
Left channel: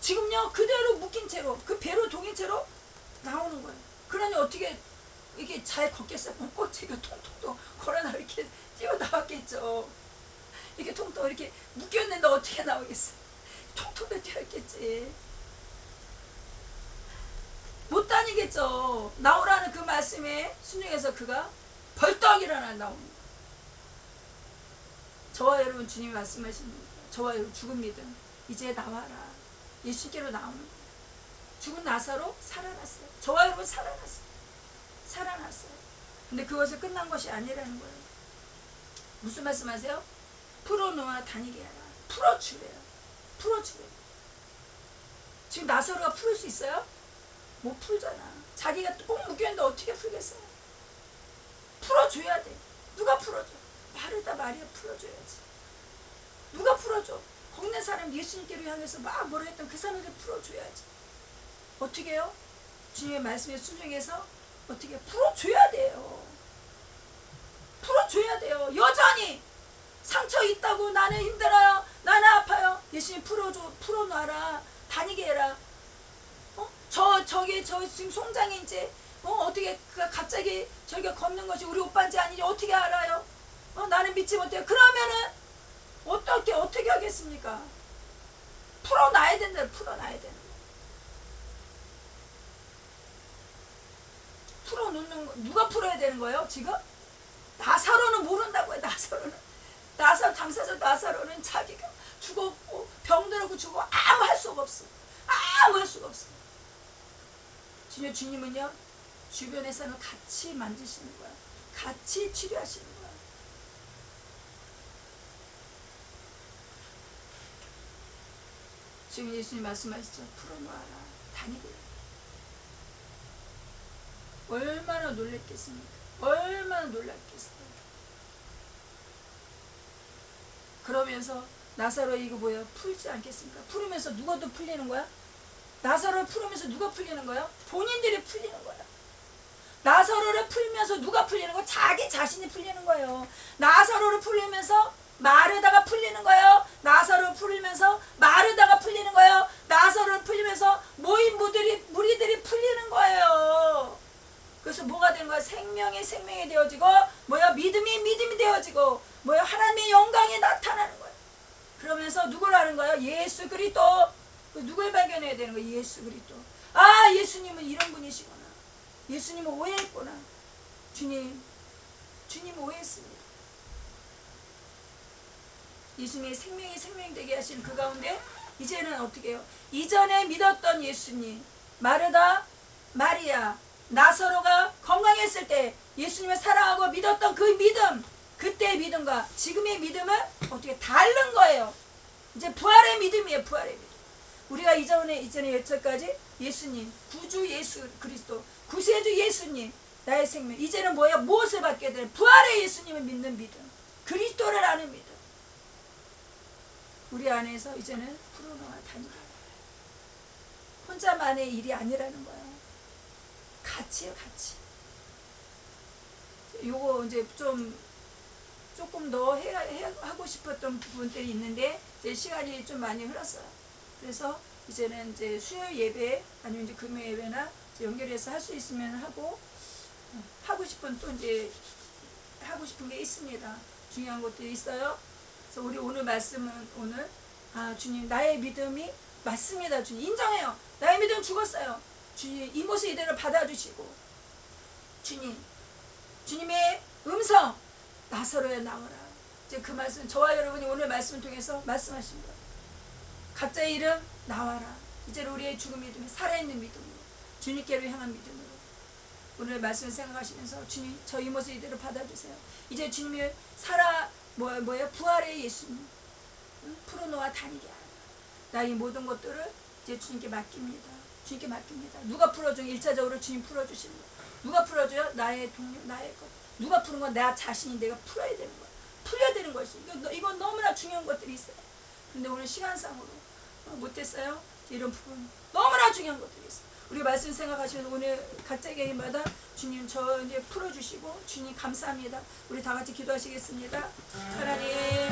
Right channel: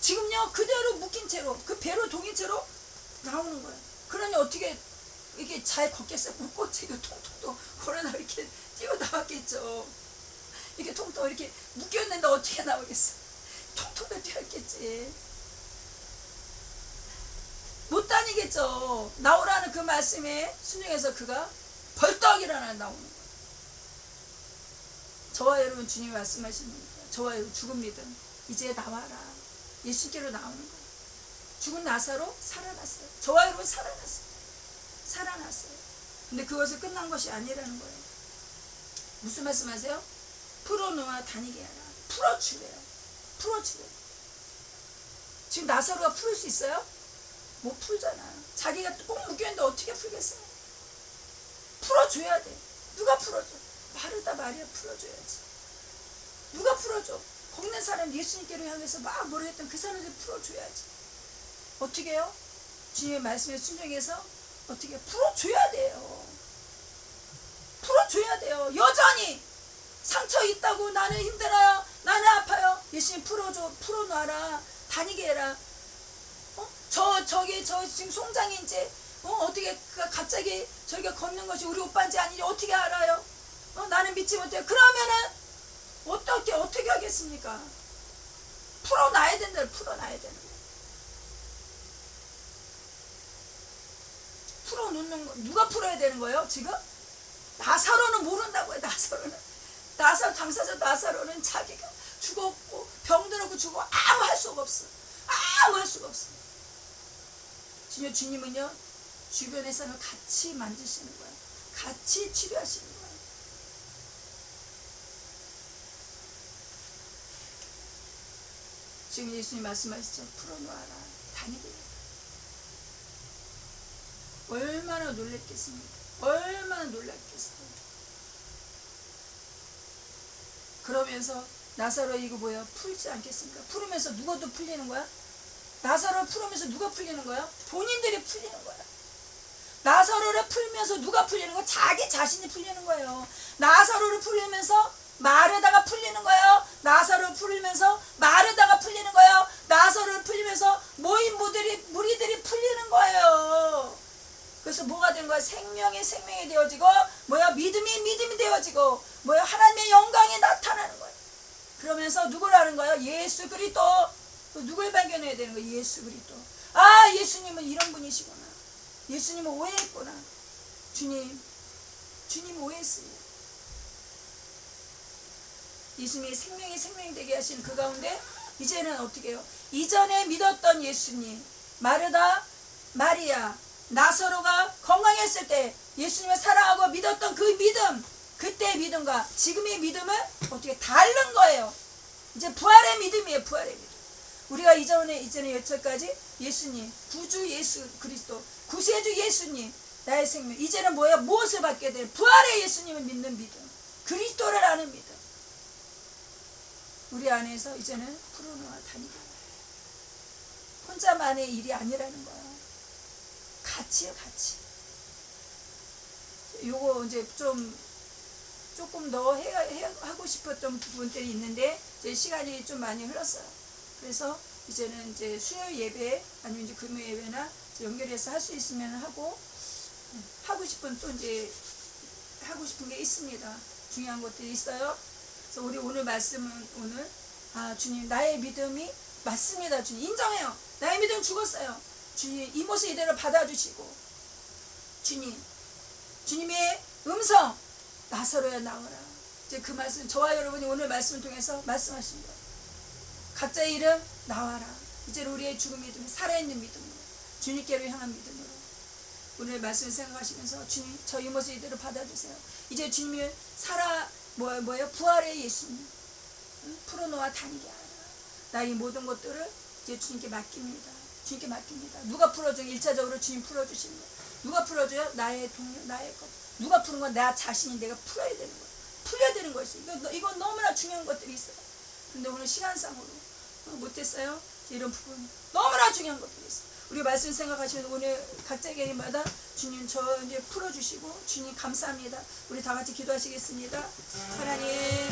지금요 그대로 묶인 채로 그 배로 동인 채로 나오는 거예요. 그러니 어떻게 이게 잘 걷겠어요? 묶고 지금 통통통 걸어나 이렇게 뛰어 나왔겠죠. 이렇게 통통 이렇게 묶였는데 어떻게 나오겠어? 통통도 뛰었겠지. 못 다니겠죠. 나오라는 그 말씀에 순종해서 그가 벌떡 일어나 나오는 거예요. 저와 여러분 주님이 말씀하십니다. 저와 여러분 죽은 믿음 이제 나와라. 예수께로 나오는 거예요. 죽은 나사로 살아났어요. 저와 여러분 살아났어요. 살아났어요. 근데 그것이 끝난 것이 아니라는 거예요. 무슨 말씀하세요? 풀어놓아 다니게 하라. 풀어주래요. 풀어주래요. 지금 나사로가 풀을 수 있어요? 못 풀잖아. 자기가 꼭 묶여있는데 어떻게 풀겠어요? 풀어줘야 돼. 누가 풀어줘? 마르다 마리아 풀어줘야지. 누가 풀어줘? 걷는 사람 예수님께로 향해서 막 뭐라 했던 그 사람들 풀어줘야지. 어떻게 해요? 주님의 말씀에 순종해서 어떻게 풀어줘야 돼요. 풀어줘야 돼요. 여전히 상처 있다고 나는 힘들어요. 나는 아파요. 예수님 풀어줘. 풀어놔라. 다니게 해라. 저 지금 송장이 이제 어떻게 갑자기 저기가 걷는 것이 우리 오빠인지 아닌지 어떻게 알아요? 나는 믿지 못해요. 그러면은 어떻게 하겠습니까? 풀어놔야 된다. 풀어놔야 되는 거. 풀어놓는 거. 누가 풀어야 되는 거예요? 지금? 나사로는 모른다고요. 감사절 나사로는 자기가 죽었고 병들었고 죽고 아무 할 수가 없어. 아무 할 수가 없어. 주님은요 주변에서는 같이 만지시는 거야. 같이 치료하시는 거야. 지금 예수님 말씀하시죠. 풀어놓아라. 다니게. 얼마나 놀랐겠습니까? 얼마나 놀랐겠어요. 그러면서 나사로 이거 뭐야? 풀지 않겠습니까? 풀으면서 누가 또 풀리는 거야? 나사로를 풀으면서 누가 풀리는 거야? 본인들이 풀리는 거야. 나사로를 풀면서 누가 풀리는 거야? 자기 자신이 풀리는 거예요. 나사로를 풀리면서 마르다가 풀리는 거예요. 나사로를 풀리면서 마르다가 풀리는 거예요. 나사로를 풀리면서 모인 무리들이 풀리는 거예요. 그래서 뭐가 되는 거야? 생명이 되어지고 믿음이 되어지고 하나님의 영광이 나타나는 거예요. 그러면서 누굴 아는 거예요? 예수 그리스도. 누굴 발견해야 되는 거예요? 예수 그리스도. 아, 예수님은 이런 분이시구나. 예수님은 오해했구나. 주님 오해했습니다. 예수님의 생명이 되게 하신 그 가운데 이제는 어떻게 해요? 이전에 믿었던 예수님, 마르다, 마리아, 나사로가 건강했을 때 예수님을 사랑하고 믿었던 그 믿음, 그때의 믿음과 지금의 믿음은 어떻게 다른 거예요. 이제 부활의 믿음이에요. 부활의 믿음. 우리가 이전에 여태까지 예수님, 구주 예수 그리스도, 구세주 예수님, 나의 생명. 이제는 무엇을 받게 돼? 부활의 예수님을 믿는 믿음, 그리스도를 아는 믿음. 우리 안에서 이제는 풀어놓아 다니게. 혼자만의 일이 아니라는 거예요. 같이요, 같이. 요거 이제 조금 더 하고 싶었던 부분들이 있는데 이제 시간이 좀 많이 흘렀어요. 그래서 이제는 이제 수요일 예배 아니면 이제 금요일 예배나 이제 연결해서 할 수 있으면 하고 싶은 또 이제 하고 싶은 게 있습니다. 중요한 것들이 있어요. 그래서 우리 오늘 말씀은 주님 나의 믿음이 맞습니다. 주님 인정해요. 나의 믿음 죽었어요. 주님 이 모습 이대로 받아주시고 주님의 음성 나사로야 나오라. 이제 그 말씀 저와 여러분이 오늘 말씀을 통해서 말씀하신 거예요. 각자의 이름 나와라. 이제 우리의 죽음의 믿음, 살아있는 믿음으로 주님께로 향한 믿음으로 오늘 말씀을 생각하시면서 주님 저 이 모습 이대로 받아주세요. 이제 주님을 부활의 예수님 풀어놓아 다니게 하라. 나의 모든 것들을 이제 주님께 맡깁니다. 주님께 맡깁니다. 누가 풀어줘요? 1차적으로 주님 풀어주시는 거. 누가 풀어줘요? 나의 동료, 나의 것. 누가 푸는 건 나 자신이 내가 풀어야 되는 거야. 풀려야 되는 것이. 이건 너무나 중요한 것들이 있어요. 근데 오늘 시간상으로 못했어요. 이런 부분 너무나 중요한 것들이 있어요. 우리 말씀 생각하시면 오늘 각자 개인마다 주님 저 이제 풀어주시고 주님 감사합니다. 우리 다 같이 기도하시겠습니다. 하나님